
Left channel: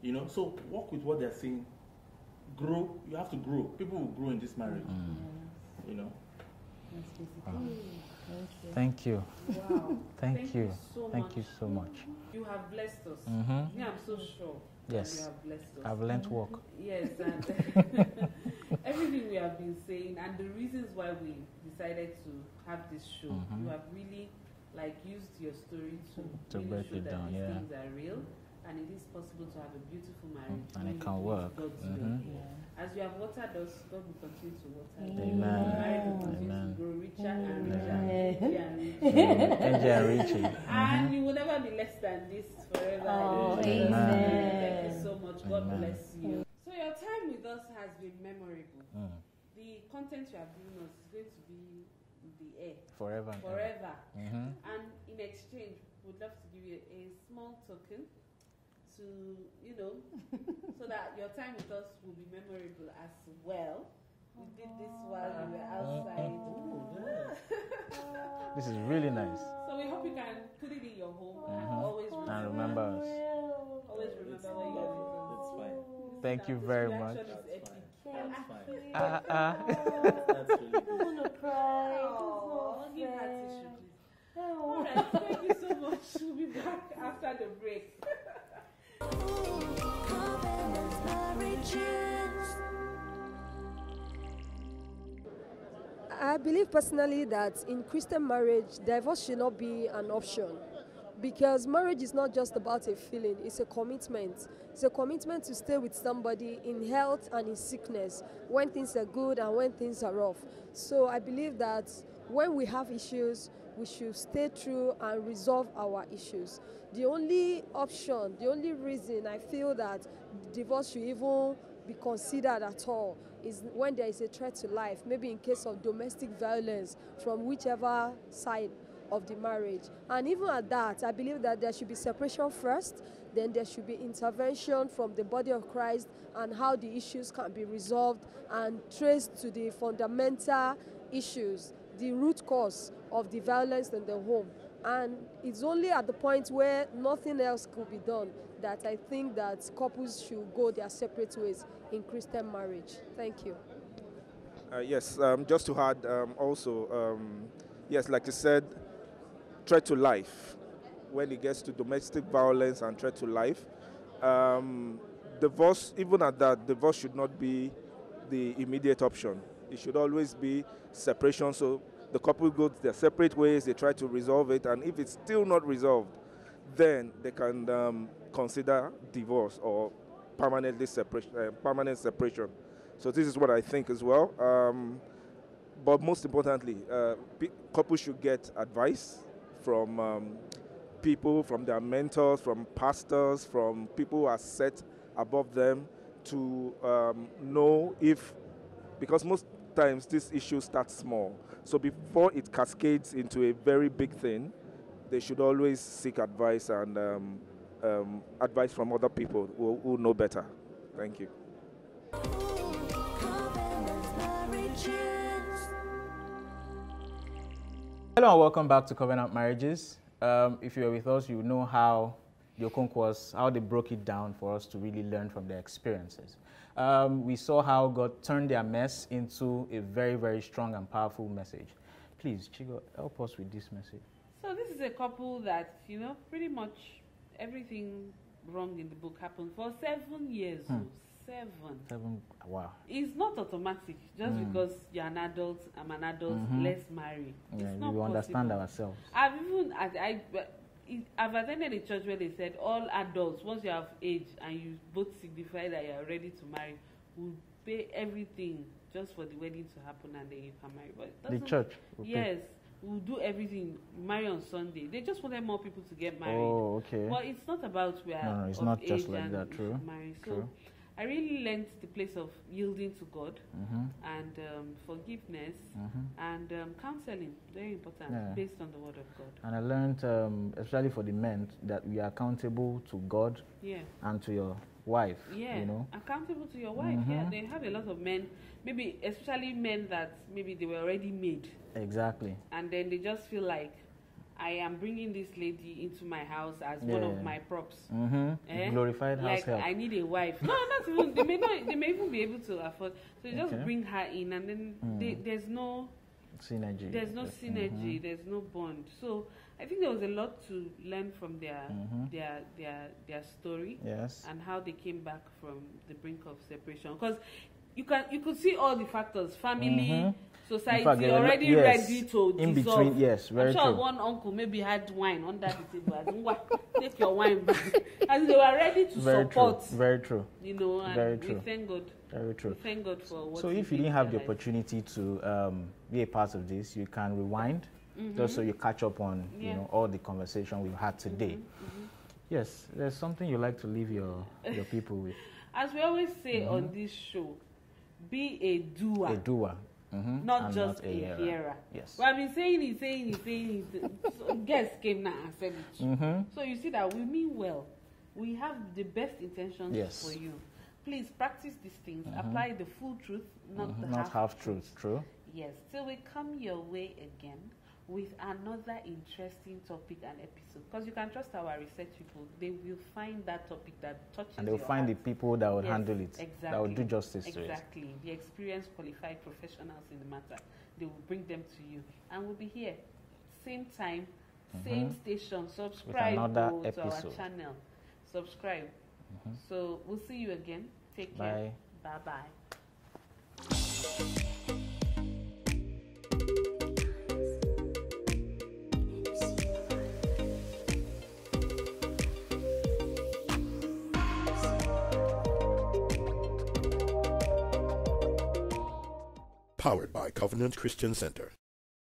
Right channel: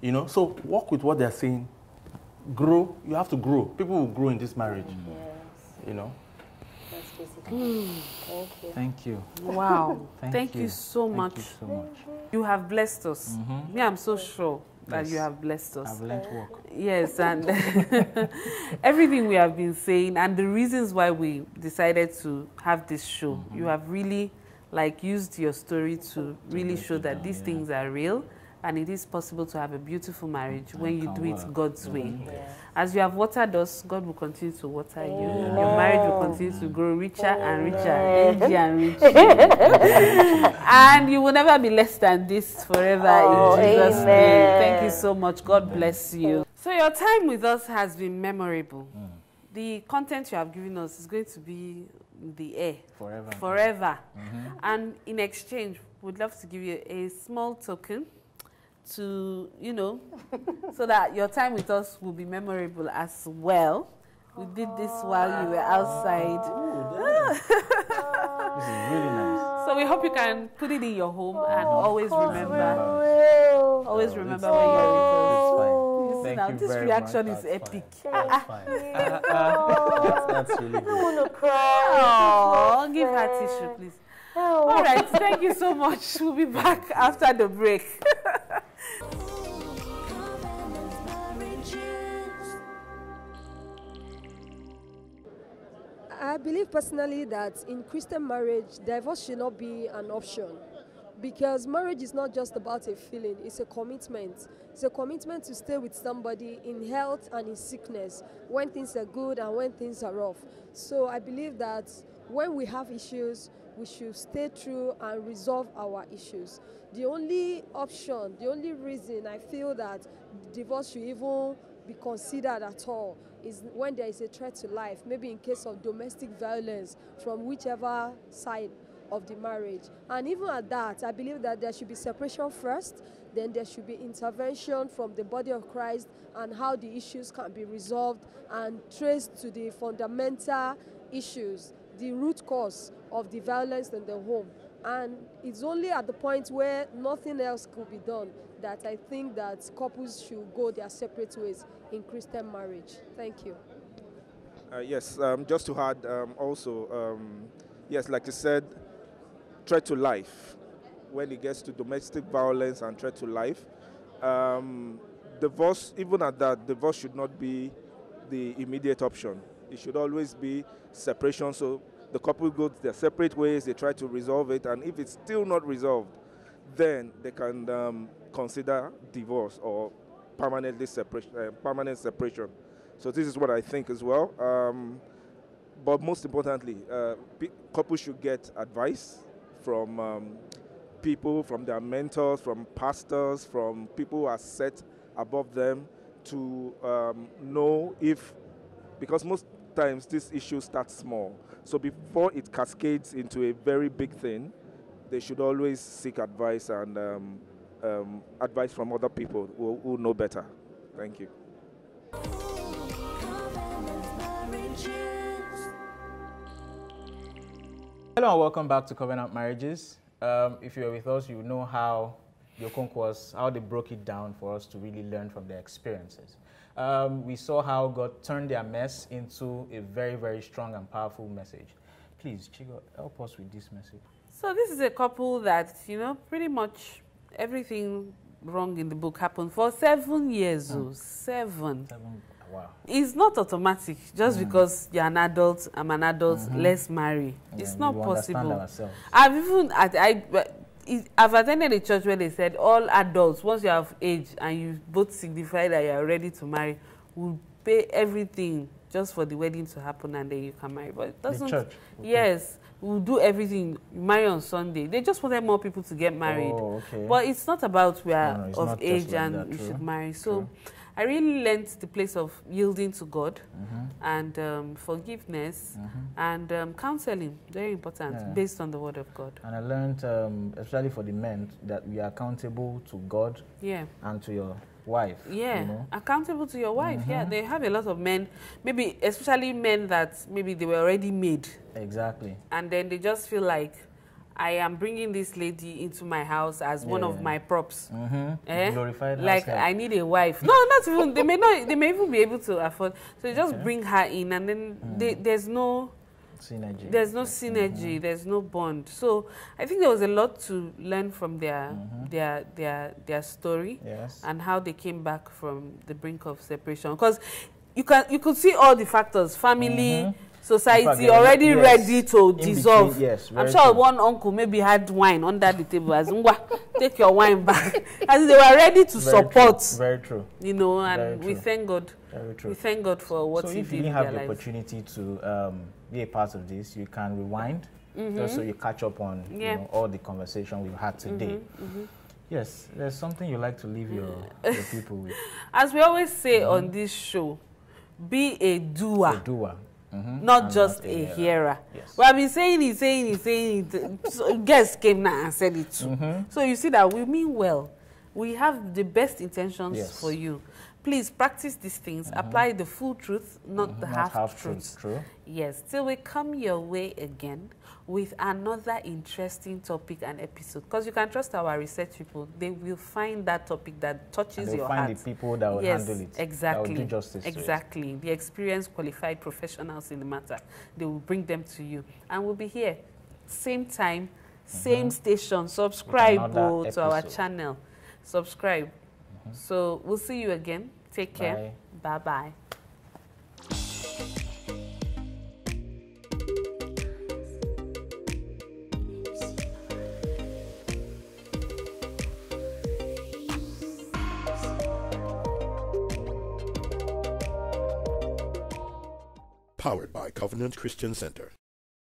You know, so work with what they are saying. Grow. You have to grow. People will grow in this marriage. You know. That's basically. Thank you. Wow. Thank you so much. Thank you so much. You have blessed us. Me, I'm so sure that you have blessed us. I've learned work. Yes, and everything we have been saying and the reasons why we decided to have this show, you have really used your story to really show that these things are real, and it is possible to have a beautiful marriage when you do it God's way. As you have watered us, God will continue to water you. Your marriage will continue to grow richer and richer, and richer. And you will never be less than this forever in Jesus' name. Thank you so much. God bless you. So your time with us has been memorable. The content you have given us is going to be in the air. Forever. And in exchange, we'd love to give you a small token to, you know, so that your time with us will be memorable as well. We did this while you were outside. This is really nice. So we hope you can put it in your home and always remember. Always remember when you're with us. Thank you this very much. This reaction is epic. That's really good. I want to cry. Oh, give her tissue, please. All right, thank you so much. We'll be back after the break. I believe personally that in Christian marriage, divorce should not be an option, because marriage is not just about a feeling, it's a commitment. It's a commitment to stay with somebody in health and in sickness, when things are good and when things are rough. So I believe that when we have issues, we should stay true and resolve our issues. The only option, the only reason I feel that divorce should even be considered at all is when there is a threat to life, maybe in case of domestic violence from whichever side of the marriage. And even at that, I believe that there should be separation first, then there should be intervention from the body of Christ and how the issues can be resolved and traced to the fundamental issues, the root cause of the violence in the home. And it's only at the point where nothing else could be done that I think that couples should go their separate ways in Christian marriage. Thank you. Yes, just to add also, yes, like you said, threat to life. When it gets to domestic violence and threat to life, divorce, even at that, divorce should not be the immediate option. It should always be separation. So the couple go their separate ways, they try to resolve it, and if it's still not resolved, then they can consider divorce or permanent separation. So this is what I think as well. But most importantly, couples should get advice from people, from their mentors, from pastors, from people who are set above them to know if, because most times this issue starts small. So before it cascades into a very big thing, they should always seek advice and advice from other people who know better. Thank you. Hello and welcome back to Covenant Marriages. If you're with us, you know how the Okonkwas, how they broke it down for us to really learn from their experiences. We saw how God turned their mess into a very, very strong and powerful message. Please, Chigo, help us with this message. So this is a couple that, pretty much everything wrong in the book happened for 7 years. 7. Wow. It's not automatic. Just because you're an adult, I'm an adult, let's marry. Yeah, it's not possible. Understand ourselves. I've attended a church where they said all adults, once you have age and you both signify that you are ready to marry, will pay everything just for the wedding to happen and then you can marry. But it doesn't. The church. Yes. We'll do everything, marry on Sunday. They just wanted more people to get married. Oh, okay. But it's not about we are of age like and we should marry. So I really learned the place of yielding to God and forgiveness and counseling, very important, based on the Word of God. And I learned, especially for the men, that we are accountable to God and to your wife. Yeah, accountable to your wife. Yeah, they have a lot of men, maybe especially men that maybe they were already made. Exactly. And then they just feel like, I am bringing this lady into my house as one of my props. Glorified like household. I need a wife. No, not even. They may even be able to afford. So you just bring her in, and then there's no synergy. There's no synergy. There's no bond. So I think there was a lot to learn from their story and how they came back from the brink of separation. Because you could see all the factors: family. Society already ready to dissolve. I'm sure one uncle maybe had wine under the table as take your wine back. As they were ready to support. Very true. And we thank God. Very true. We thank God for what. So if you didn't have the opportunity to be a part of this, you can rewind just so you catch up on all the conversation we've had today. Yes, there's something you like to leave your people with. As we always say on this show, be a doer. A doer. Not just a hearer. Yes. Well, I've been saying it. So guests came now and said it too. So you see that we mean well. We have the best intentions for you. Please practice these things. Apply the full truth, not the half truth. True. Yes. Till we come your way again with another interesting topic and episode. Because you can trust our research people. They will find that topic that touches your heart. They'll find the people that will handle it. Exactly. That will do justice to it. Exactly. The experienced, qualified professionals in the matter. They will bring them to you. And we'll be here. Same time, same station. Subscribe to our channel. Subscribe. So we'll see you again. Take care. Bye-bye. Powered by Covenant Christian Center.